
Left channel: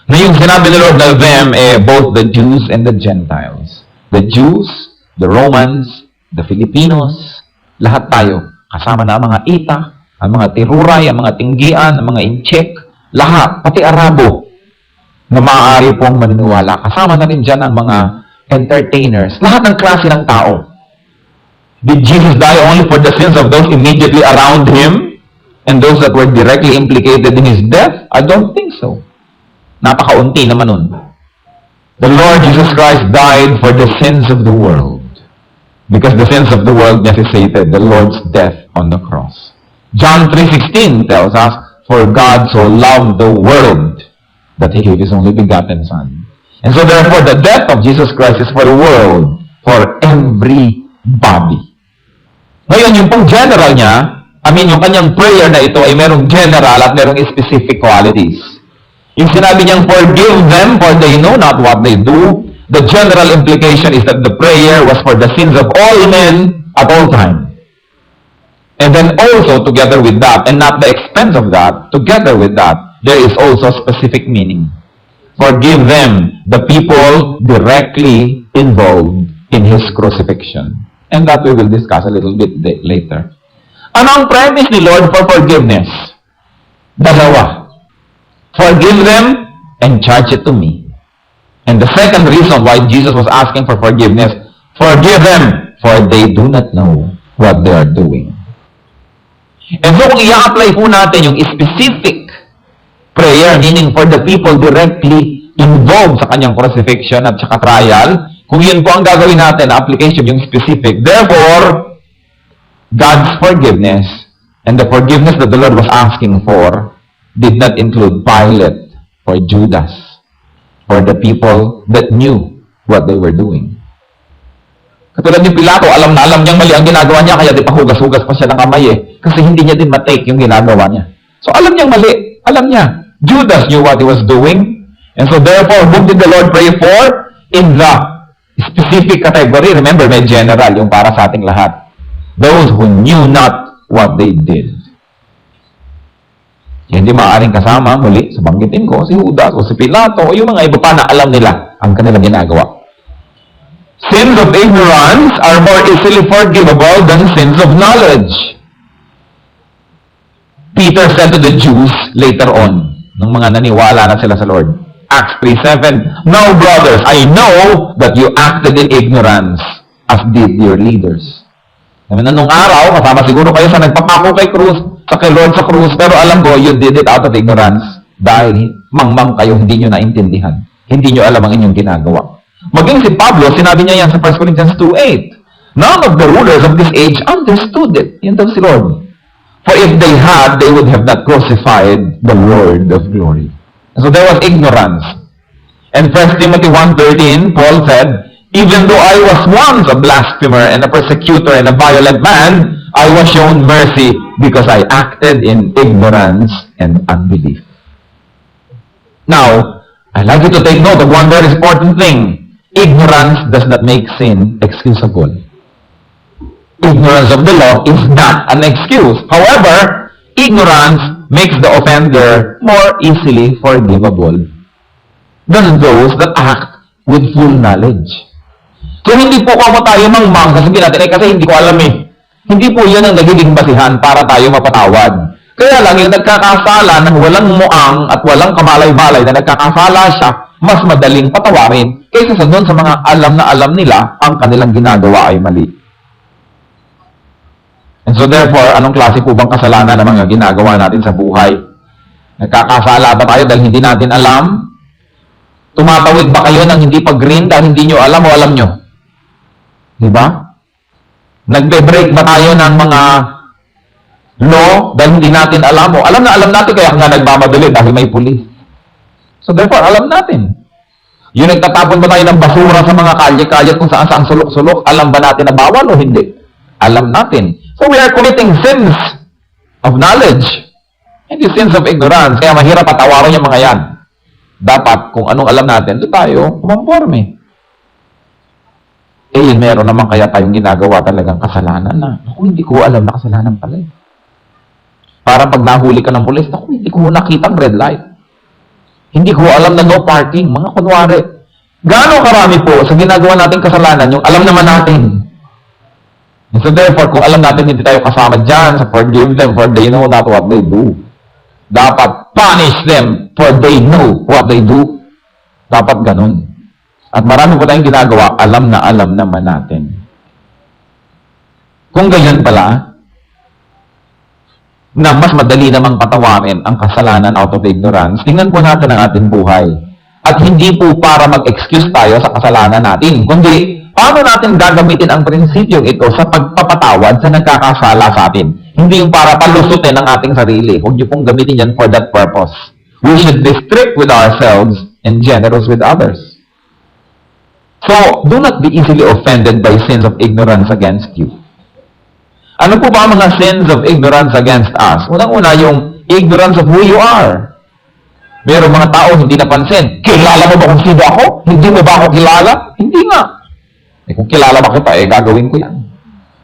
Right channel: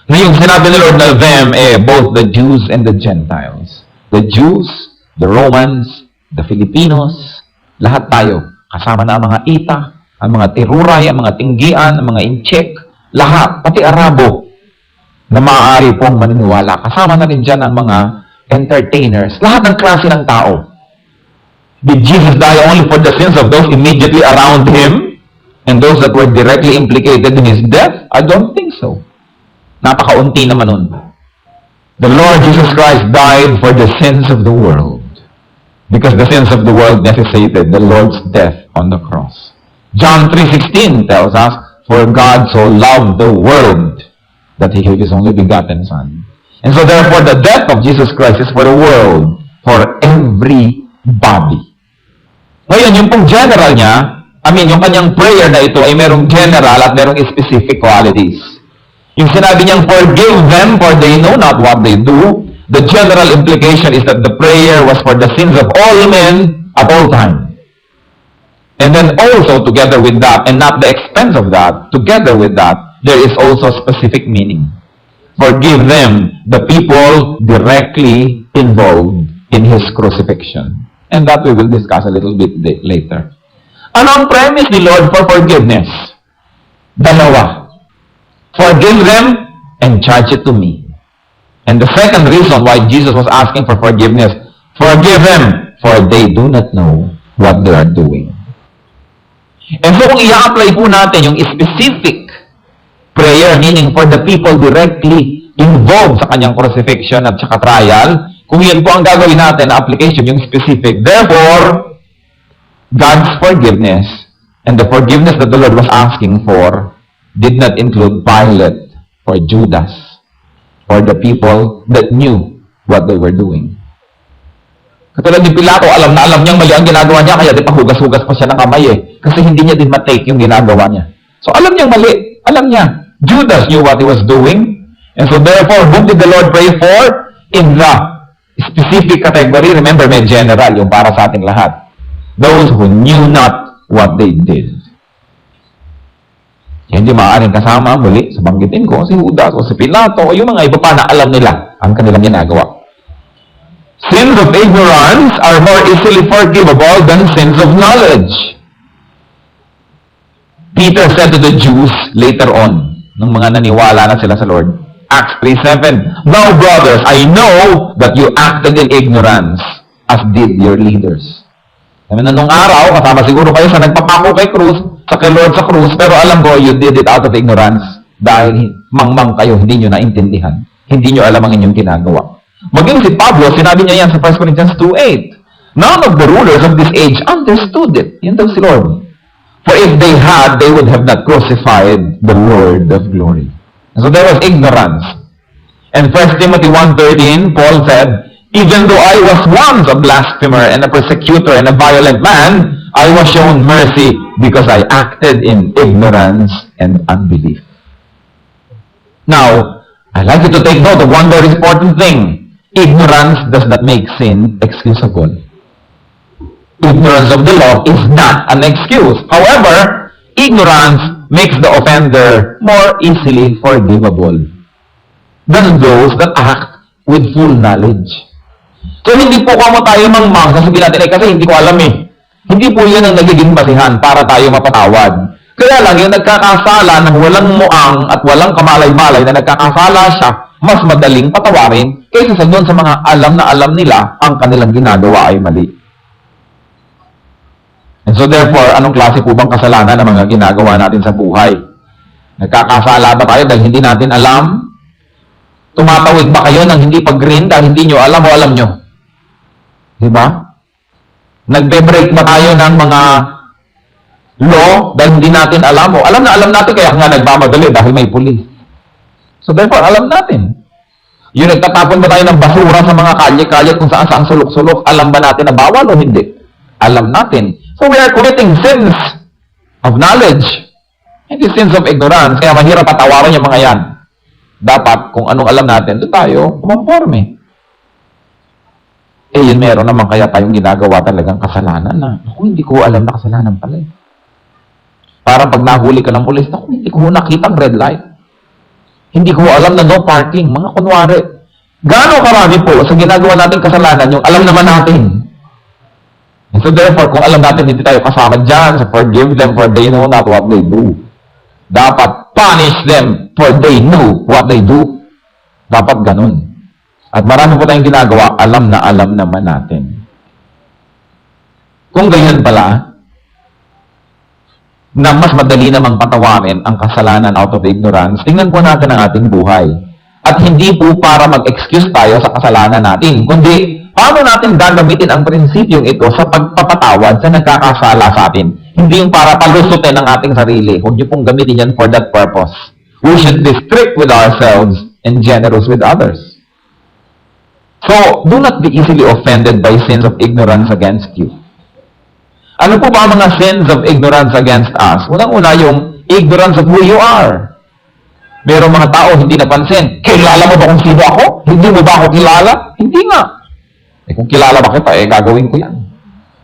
na yung sinabi ni Lord na them, both the Jews and the Gentiles. The Jews, the Romans, the Filipinos, lahat tayo. Kasama na ang mga Ita, ang mga Tiruray, ang mga Tinggian, ang mga Inchek, lahat, pati Arabo, na maaari pong maniniwala. Kasama na rin dyan ang mga entertainers, lahat ng klase ng tao. Did Jesus die only for the sins of those immediately around Him and those that were directly implicated in His death? I don't think so. Napakaunti naman nun. The Lord Jesus Christ died for the sins of the world because the sins of the world necessitated the Lord's death on the cross. John 3:16 tells us, for God so loved the world that He gave His only begotten Son. And so therefore, the death of Jesus Christ is for the world, for everybody. Ngayon, yung pong general niya, yung kanyang prayer na ito ay merong general at merong specific qualities. Yung sinabi niyang, forgive them for they know not what they do, the general implication is that the prayer was for the sins of all men at all time. And then also, together with that, and not the expense of that, together with that, there is also specific meaning. Forgive them, the people directly involved in His crucifixion. And that we will discuss a little bit later. Ano ang premise ni Lord for forgiveness? Dalawa. Forgive them and charge it to me. And the second reason why Jesus was asking for forgiveness, forgive them, for they do not know what they are doing. And so kung i-apply po natin yung specific prayer, meaning for the people directly involved sa kanyang crucifixion at saka trial, Kung yun po ang gagawin natin, application, yung specific. Therefore, God's forgiveness and the forgiveness that the Lord was asking for did not include Pilate or Judas or the people that knew what they were doing. Katulad ni Pilato, alam na alam niyang mali ang ginagawa niya, kaya di pa hugas-hugas pa siya ng kamay kasi hindi niya din matake yung ginagawa niya. So alam niyang mali, alam niya. Judas knew what he was doing, and so therefore, whom did the Lord pray for? In the specific category, remember, may general, yung para sa ating lahat. Those who knew not what they did. Hindi maaaring kasama, muli, sabanggitin ko, si Judas o si Pilato o yung mga iba pa na alam nila ang kanilang ginagawa. Sins of ignorance are more easily forgivable than sins of knowledge. Peter said to the Jews later on, nung mga naniwala na sila sa Lord, Acts 3:7, "Now, brothers, I know that you acted in ignorance, as did your leaders." Sabi na nung araw, kasama siguro kayo sa nagpapako kay krus, kay Lord sa krus, pero alam ko, you did it out of ignorance dahil mangmang kayo, hindi nyo naintindihan. Hindi nyo alam ang inyong ginagawa. Maging si Pablo, sinabi niya yan sa 1 Corinthians 2:8. None of the rulers of this age understood it. Yun daw si Lord. For if they had, they would have not crucified the Lord of glory. So there was ignorance. And 1 Timothy 1:13, Paul said, "Even though I was once a blasphemer and a persecutor and a violent man, I was shown mercy because I acted in ignorance and unbelief." Now, I'd like you to take note of one very important thing. Ignorance does not make sin excusable. Ignorance of the law is not an excuse. However, ignorance makes the offender more easily forgivable than those that act with full knowledge. So, hindi po kamo tayo mangmang, sasabihin natin, kasi hindi ko alam eh. Hindi po yan ang nagiging basihan para tayo mapatawad. Kaya lang, yung nagkakasala ng walang muang at walang kamalay-balay na nagkakasala siya, mas madaling patawarin kaysa sa doon sa mga alam na alam nila ang kanilang ginagawa ay mali. And so therefore, anong klase po bang kasalanan ng mga ginagawa natin sa buhay? Nagkakasala ba tayo dahil hindi natin alam? Tumatawid ba kayo ng hindi pag-green dahil hindi nyo alam o alam nyo? Diba? Nagbe-break ba tayo ng mga law dahil hindi natin alam o alam na alam natin kaya nga nagmamadali dahil may pulis. So therefore, alam natin. Yung nagtatapon ba tayo ng basura sa mga kalye-kalye kung saan-saan sulok-sulok, alam ba natin na bawal o hindi? Alam natin. So we are committing sins of knowledge. Hindi sins of ignorance. Kaya mahirap patawarin yung mga yan. Dapat, kung anong alam natin, doon tayo kumamporme. Eh, yun, meron naman kaya tayong ginagawa talagang kasalanan na, ako, hindi ko alam na kasalanan pala. Parang pag nahuli ka ng pulis, ako, hindi ko nakita ang red light. Hindi ko alam na no parking. Mga kunwari. Gaano karami po sa ginagawa nating kasalanan, yung alam naman natin. And so therefore, kung alam natin hindi tayo kasama dyan, so forgive them for they know not what they do. Dapat punish them for they know what they do. Dapat ganun. At marami po tayong ginagawa, alam naman natin. Kung ganyan pala, na mas madali namang patawarin ang kasalanan out of ignorance, tingnan po natin ang ating buhay. At hindi po para mag-excuse tayo sa kasalanan natin, kundi paano natin gagamitin ang prinsipyong ito sa pagpapatawad sa nagkakasala sa atin. Hindi yung para palusutin ang ating sarili. Huwag niyo pong gamitin yan for that purpose. We should be strict with ourselves and generous with others. So, do not be easily offended by sins of ignorance against you. Ano po ba ang mga sins of ignorance against us? Unang-una yung ignorance of who you are. Merong mga tao hindi napansin. Kilala mo ba kung sino ako? Hindi mo ba ako kilala? Hindi nga. Eh, kung kilala ba kita, gagawin ko yan.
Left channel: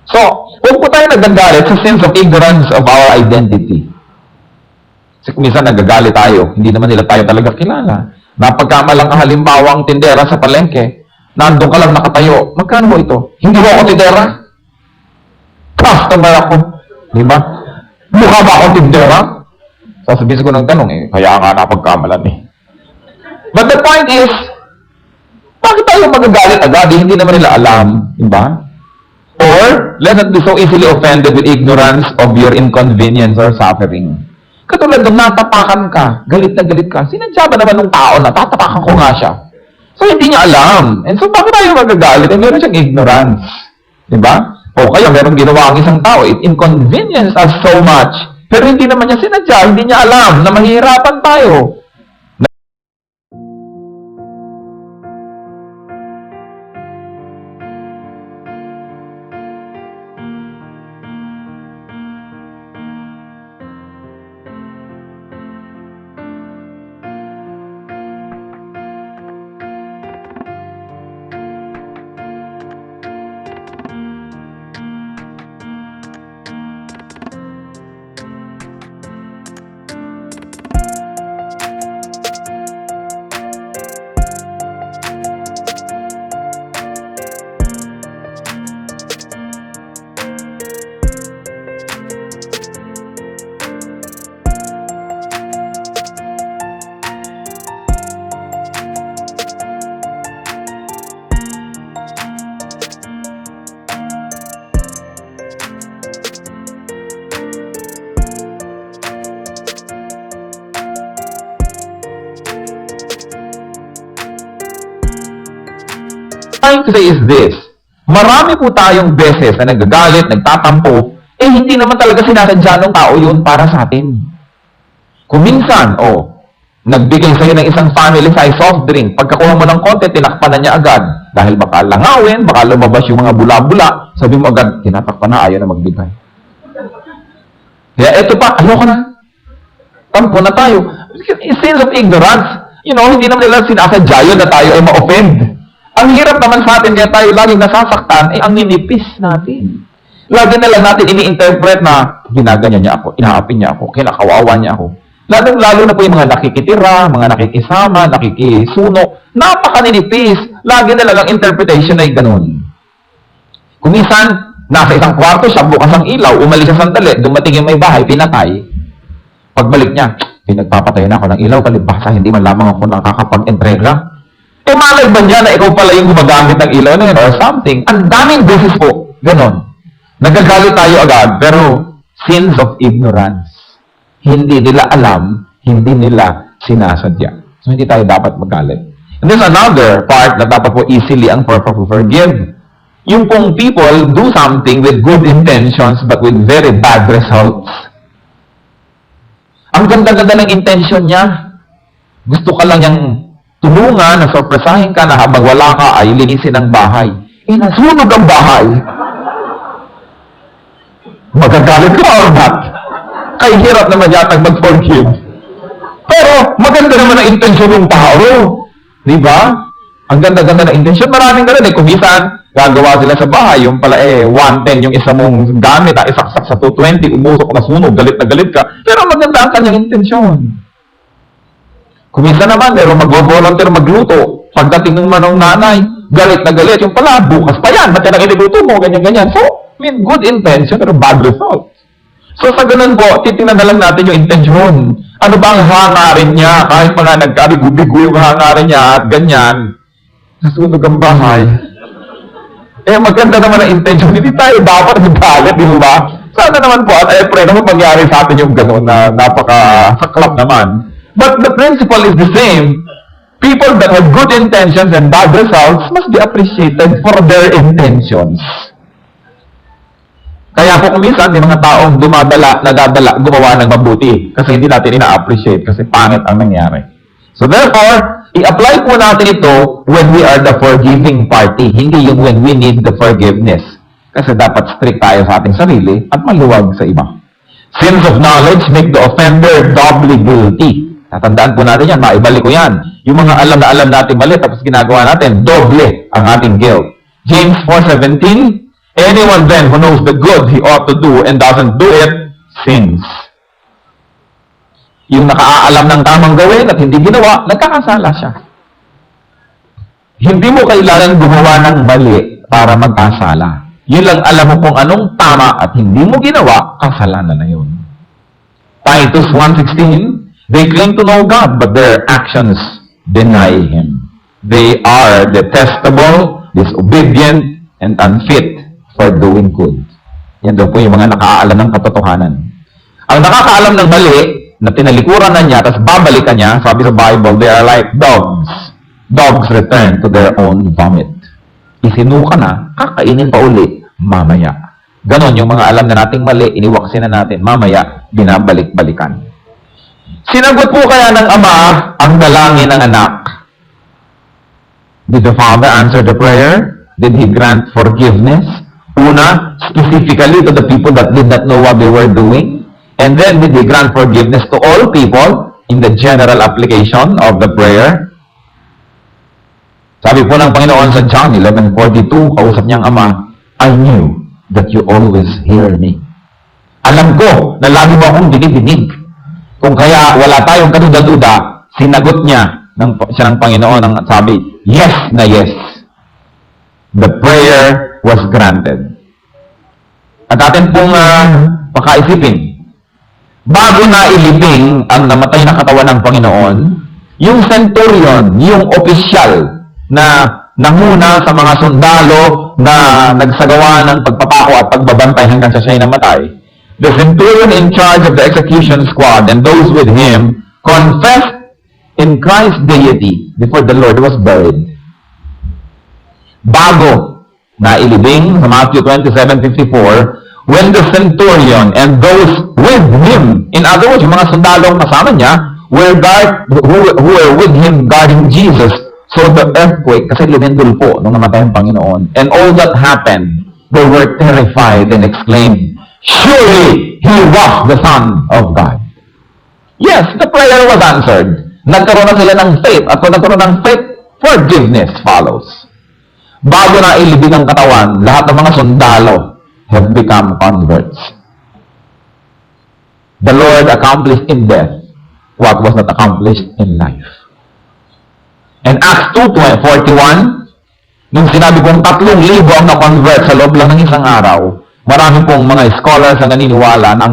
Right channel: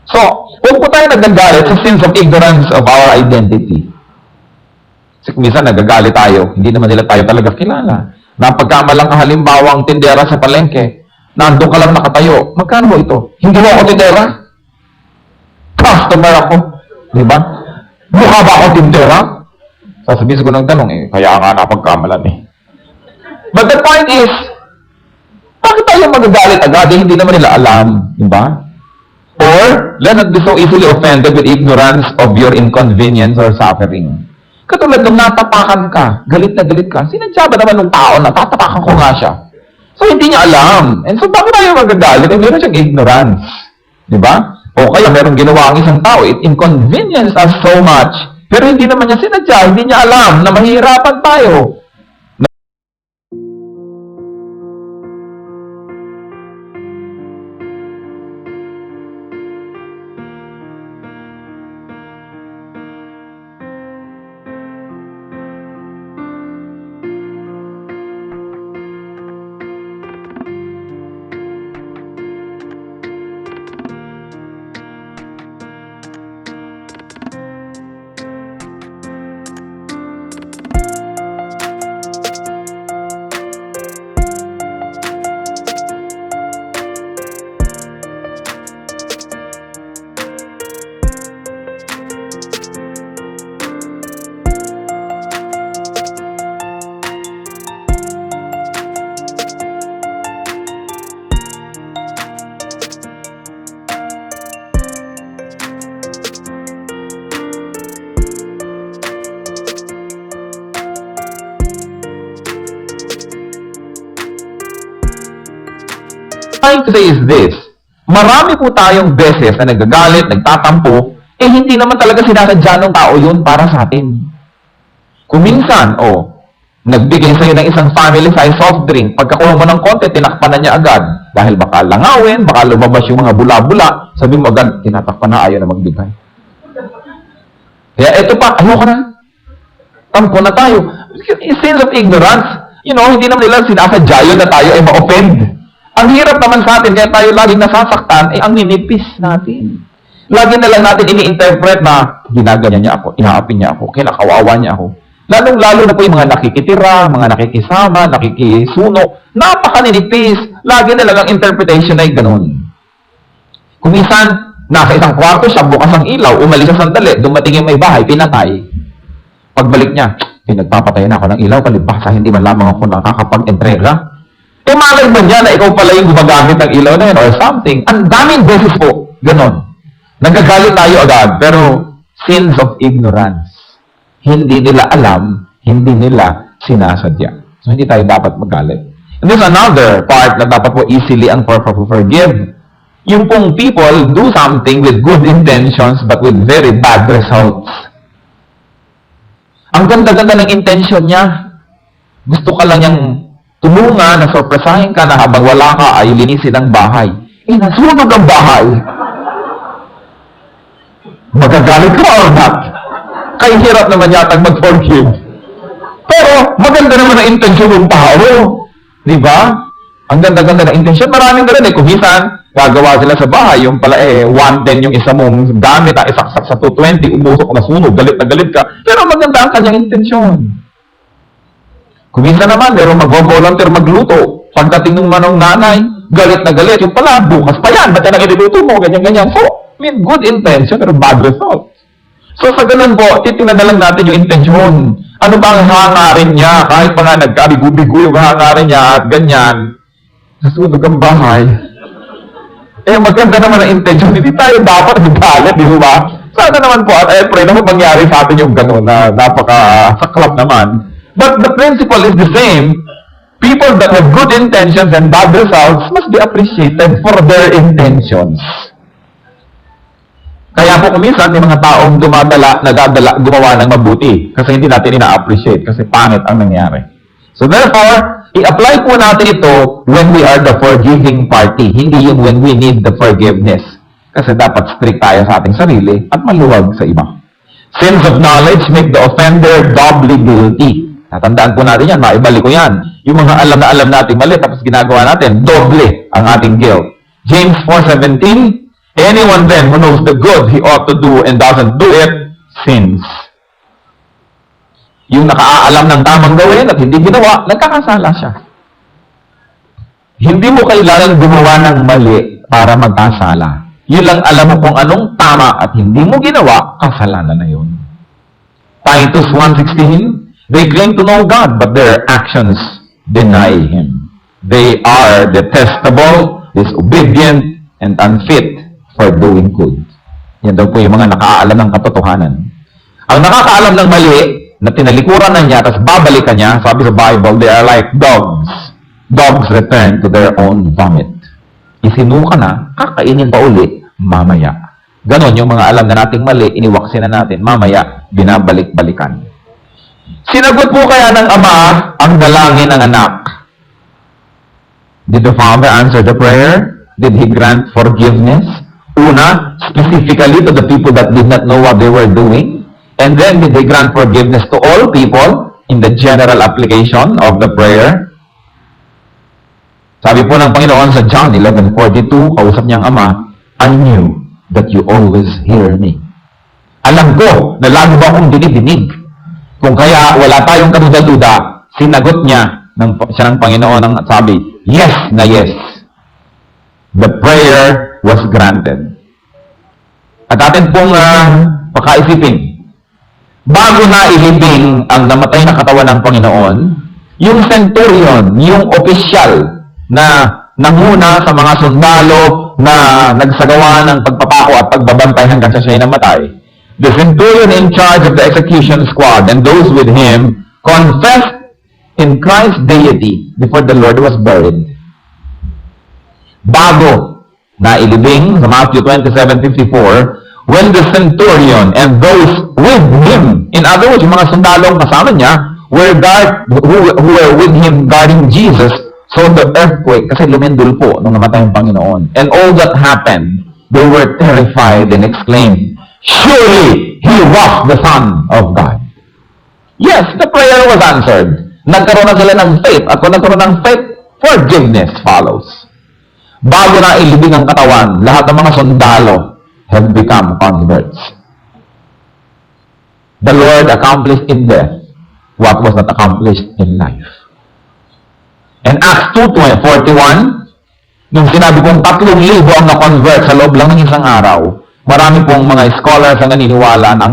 So, huwag po tayo nagagalit sa sins of ignorance of our identity. Kasi minsan nagagalit tayo, hindi naman nila tayo talaga kilala. Napagkamalang halimbawa ang tindera sa palengke, nandun ka lang nakatayo, magkano mo ito? Hindi mo ako tindera? Customer ako. Di ba? Mukha ba ako tindera? Sasabihin ko ng tanong kaya nga napagkamalan But the point is, bakit tayo magagalit agad? Hindi naman nila alam. Di ba? Or, let not be so easily offended with ignorance of your inconvenience or suffering. Katulad nung natapakan ka, galit na galit ka, sinadya ba naman ng tao na tatapakan ko nga siya? So, hindi niya alam. And so, bakit tayo magagalit? Eh, meron siyang ignorance. Di ba? O kaya, meron ginawa ang isang tao. It inconvenienced us so much. Pero hindi naman niya sinadya. Hindi niya alam na mahihirapan tayo. Trying to say is this, marami po tayong beses na nagagalit, nagtatampo, eh hindi naman talaga sinasadya ng tao yun para sa atin. Kung minsan, nagbigay sa'yo ng isang family-size soft drink, pagkakuha mo ng konti, tinakpan na niya agad. Dahil baka langawin, baka lumabas yung mga bula-bula, sabi mo agad, tinatakpan na, ayaw na magbigay. Kaya ito pa, ayoko na. Tampo na tayo. Sense of ignorance. Hindi naman nila sinasadya yun na tayo ay ma-offend. Ang hirap naman sa atin, kaya tayo laging nasasaktan, ang ninipis natin. Lagi na lang natin ini-interpret na ginaganyan niya ako, inaapi niya ako, kinakawawa niya ako. Lalong-lalo na po yung mga nakikitira, mga nakikisama, nakikisuno, napakaninipis. Lagi na lang ang interpretation ay ganun. Kung minsan, nasa isang kwarto siya, bukas ang ilaw, umalis siya sandali, dumating yung may bahay, pinatay. Pagbalik niya, nagpapatay na ako ng ilaw, kalibasa, hindi man lamang ako nakakapag-entrega. Malay ba niya na ikaw pala yung gumagamit ng ilaw na yun or something? Ang daming beses po, ganon. Nagagalit tayo agad, pero sins of ignorance. Hindi nila alam, hindi nila sinasadya. So, hindi tayo dapat magalit. And there's another part na dapat po easily and properly forgive. Yung pong people do something with good intentions but with very bad results. Ang ganda-ganda ng intention niya. Gusto ka lang niyang tulungan, na sorpresahin ka na habang wala ka ay linisin ang bahay. Nasunog ang bahay. Magagalit ka or not? Kay hirap naman yatang mag-forgive. Pero maganda naman ang intensyon ng tao. Di ba? Ang ganda-ganda ng intensyon. Maraming ganun Kung minsan, gagawa sila sa bahay, yung pala 110 yung isa mong gamit, isaksak sa 220, umusok na sunog, galit na galit ka. Pero maganda ang kanyang intensyon. Kung minsan naman, meron mag-volunteer magluto. Pagdating ng manong nanay, galit na galit. Yung pala, bukas pa yan. Ba't yan ang iniluto mo? Ganyan-ganyan. So, good intention, pero bad result. So, sa ganun po, titingnan na lang natin yung intensyon. Ano ba ang hangarin niya? Kahit pa nga nagkabigo-bigo yung hangarin niya at ganyan, nasunog ang bahay. Maganda naman ang intensyon. Hindi tayo dapat nagagalit, di ba? Sana naman po, at I pray naman mangyari sa atin yung gano'n na napaka-saklap naman. But the principle is the same. People that have good intentions and bad results must be appreciated for their intentions. Kaya po kuminsan, may mga taong nagadala, gumawa ng mabuti. Kasi hindi natin ina-appreciate. Kasi pangit ang nangyari. So therefore, i-apply po natin ito when we are the forgiving party. Hindi yung when we need the forgiveness. Kasi dapat strict tayo sa ating sarili at maluwag sa iba. Sins of knowledge make the offender doubly guilty. Natandaan po natin yan, maibalik ko yan. Yung mga alam na alam natin mali, tapos ginagawa natin, doble ang ating guilt. James 4:17, anyone then who knows the good he ought to do and doesn't do it, sins. Yung nakaalam ng tamang gawin at hindi ginawa, nagkakasala siya. Hindi mo kailangan gumawa ng mali para magkasala. Yun lang alam mo kung anong tama at hindi mo ginawa, kasalanan na yun. Titus 1:16, they claim to know God, but their actions deny Him. They are detestable, disobedient, and unfit for doing good. Yan daw po yung mga nakaalam ng katotohanan. Ang nakakaalam ng mali, na tinalikuran na niya, tapos babalikan niya, sabi sa Bible, they are like dogs. Dogs return to their own vomit. Isinuka na, kakainin pa uli, mamaya. Ganon yung mga alam na nating mali, iniwaksin na natin, mamaya, binabalik-balikan. Sinagot po kaya ng ama ang dalangin ng anak. Did the father answer the prayer? Did he grant forgiveness? Una, specifically to the people that did not know what they were doing. And then, did he grant forgiveness to all people in the general application of the prayer? Sabi po ng Panginoon sa John 11:42, kausap niyang ama, I knew that you always hear me. Alam ko na lagi mo akong dinidinig. Kung kaya wala tayong kaduda-duda, sinagot niya siya ng Panginoon ang sabi, yes na yes. The prayer was granted. At atin pong pakaisipin, bago na ilibing ang namatay na katawan ng Panginoon, yung centurion, yung opisyal na nanguna sa mga sundalo na nagsagawa ng pagpapako at pagbabantay hanggang sa siya'y namatay, the centurion in charge of the execution squad and those with him confessed in Christ's deity before the Lord was buried. Bago na ilibing sa Matthew 27:54, when the centurion and those with him, in other words, yung mga sundalong kasama niya, who were with him guarding Jesus, so the earthquake, kasi lumindol po nung namatay ang Panginoon. And all that happened, they were terrified and exclaimed, surely he was the Son of God. Yes, the prayer was answered. Nagkaroon na sila ng faith. At kung nagkaroon ng faith, forgiveness follows. Bago na ilibing ang katawan, lahat ng mga sundalo have become converts. The Lord accomplished in death what was not accomplished in life. And Acts 2:41, nung sinabi kong 3,000 ang na-convert sa loob lang ng isang araw, marami pong mga scholars ang naniniwala ng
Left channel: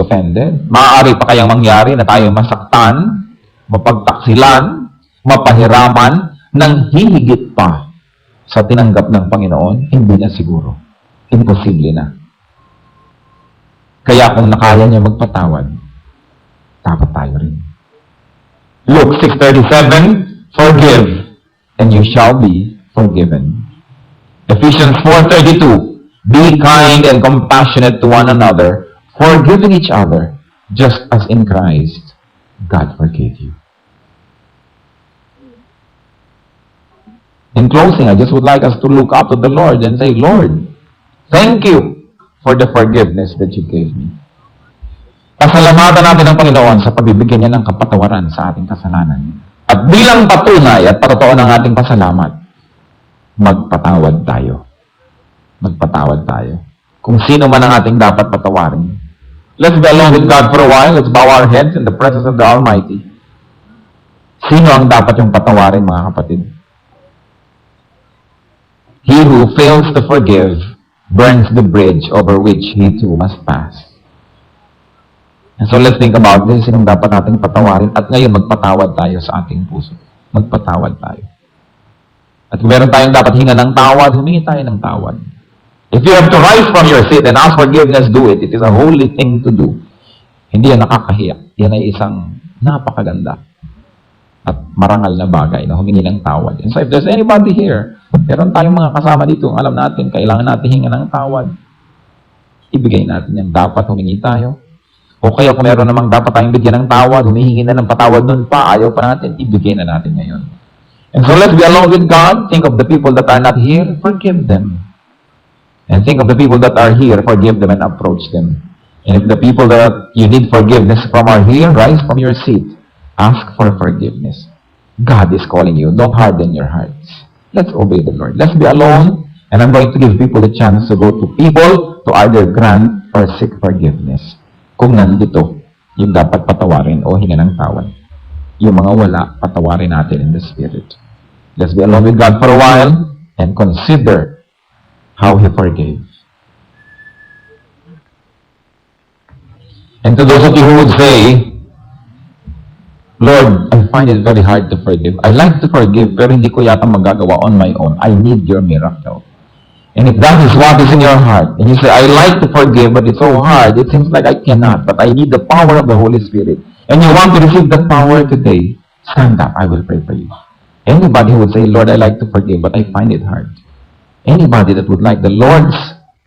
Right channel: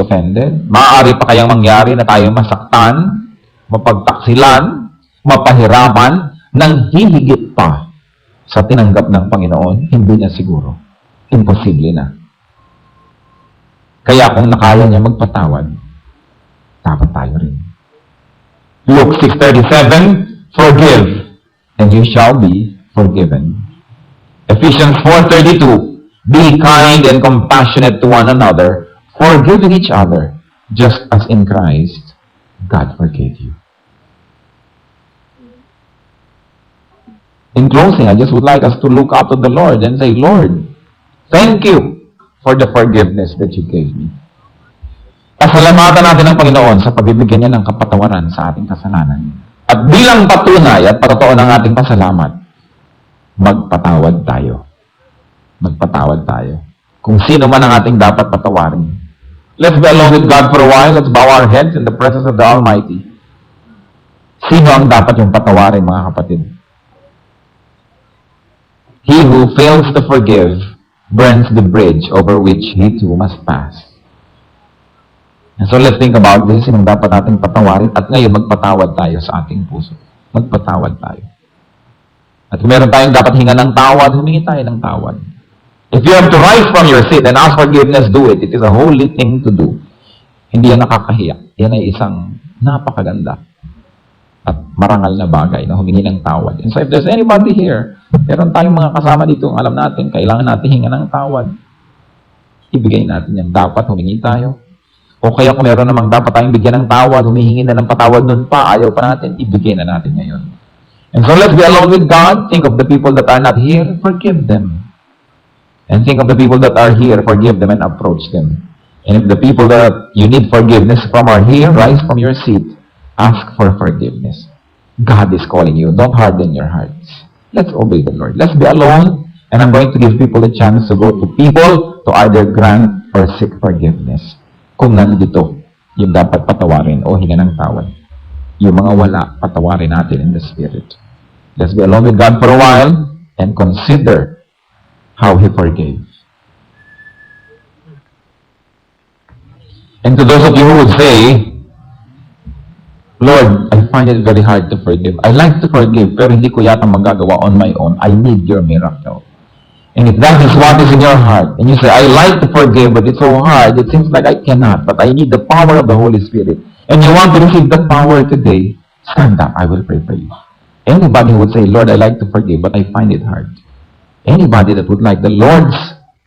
offended. Maaari pa kayang mangyari na tayo masaktan, mapagtaksilan, mapahiraman, nang hihigit pa sa tinanggap ng Panginoon? Hindi na siguro. Imposible na. Kaya kung nakaya niya magpatawad, dapat tayo rin. Luke 6:37, forgive, and you shall be forgiven. Ephesians 4:32, be kind and compassionate to one another, forgiving each other, just as in Christ, God forgave you. In closing, I just would like us to look up to the Lord and say, Lord, thank you for the forgiveness that you gave me. Pasalamatan natin ang Panginoon sa pagbibigyan niya ng kapatawaran sa ating kasalanan. At bilang patunay at patotoo ng ating pasalamat, magpatawad tayo. Magpatawad tayo. Kung sino man ang ating dapat patawarin. Let's be alone with God for a while. Let's bow our heads in the presence of the Almighty. Sino ang dapat yung patawarin, mga kapatid? He who fails to forgive burns the bridge over which he too must pass. And so let's think about this. Sinong dapat nating patawarin? At ngayon, magpatawad tayo sa ating puso. Magpatawad tayo. At kung meron tayong dapat hinga ng tawad, humingi tayo ng tawad. If you have to rise from your seat and ask forgiveness, do it. It is a holy thing to do. Hindi yan nakakahiya. Yan ay isang napakaganda at marangal na bagay na humingi ng tawad. And so if there's anybody here, meron tayong mga kasama dito, alam natin, kailangan natin hinga ng tawad. Ibigay natin yan. Dapat humingi tayo. O kaya kung meron namang dapat tayong bigyan ng tawad, humihingi na ng patawad nun pa, ayaw pa natin, ibigay na natin ngayon. And so let's be alone with God. Think of the people that are not here, forgive them. And think of the people that are here, forgive them and approach them. And if the people that you need forgiveness from are here, rise from your seat. Ask for forgiveness. God is calling you. Don't harden your hearts. Let's obey the Lord. Let's be alone. And I'm going to give people a chance to go to people to either grant or seek forgiveness. Kung nandito, yung dapat patawarin o hinga ng tawad. Yung mga wala, patawarin natin in the Spirit. Let's be alone with God for a while and consider how He forgave. And to those of you who would say, Lord, I find it very hard to forgive. I like to forgive, pero hindi ko yata magagawa on my own. I need your miracle. And if that is what is in your heart, and you say, I like to forgive, but it's so hard, it seems like I cannot, but I need the power of the Holy Spirit, and you want to receive that power today, stand up, I will pray for you. Anybody who would say, Lord, I like to forgive, but I find it hard. Anybody that would like the Lord's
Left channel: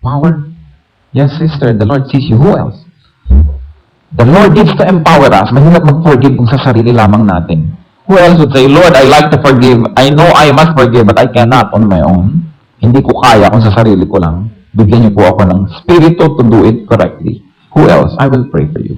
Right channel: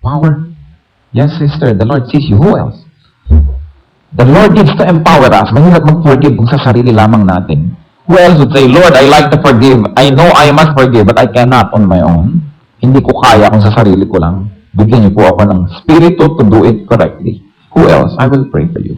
power? Yes, sister, the Lord sees you. Who else? The Lord needs to empower us. Mahirap mag-forgive kung sa sarili lamang natin. Who else would say, Lord, I like to forgive. I know I must forgive, but I cannot on my own. Hindi ko kaya kung sa sarili ko lang. Bigyan niyo po ako ng spirito to do it correctly. Who else? I will pray for you.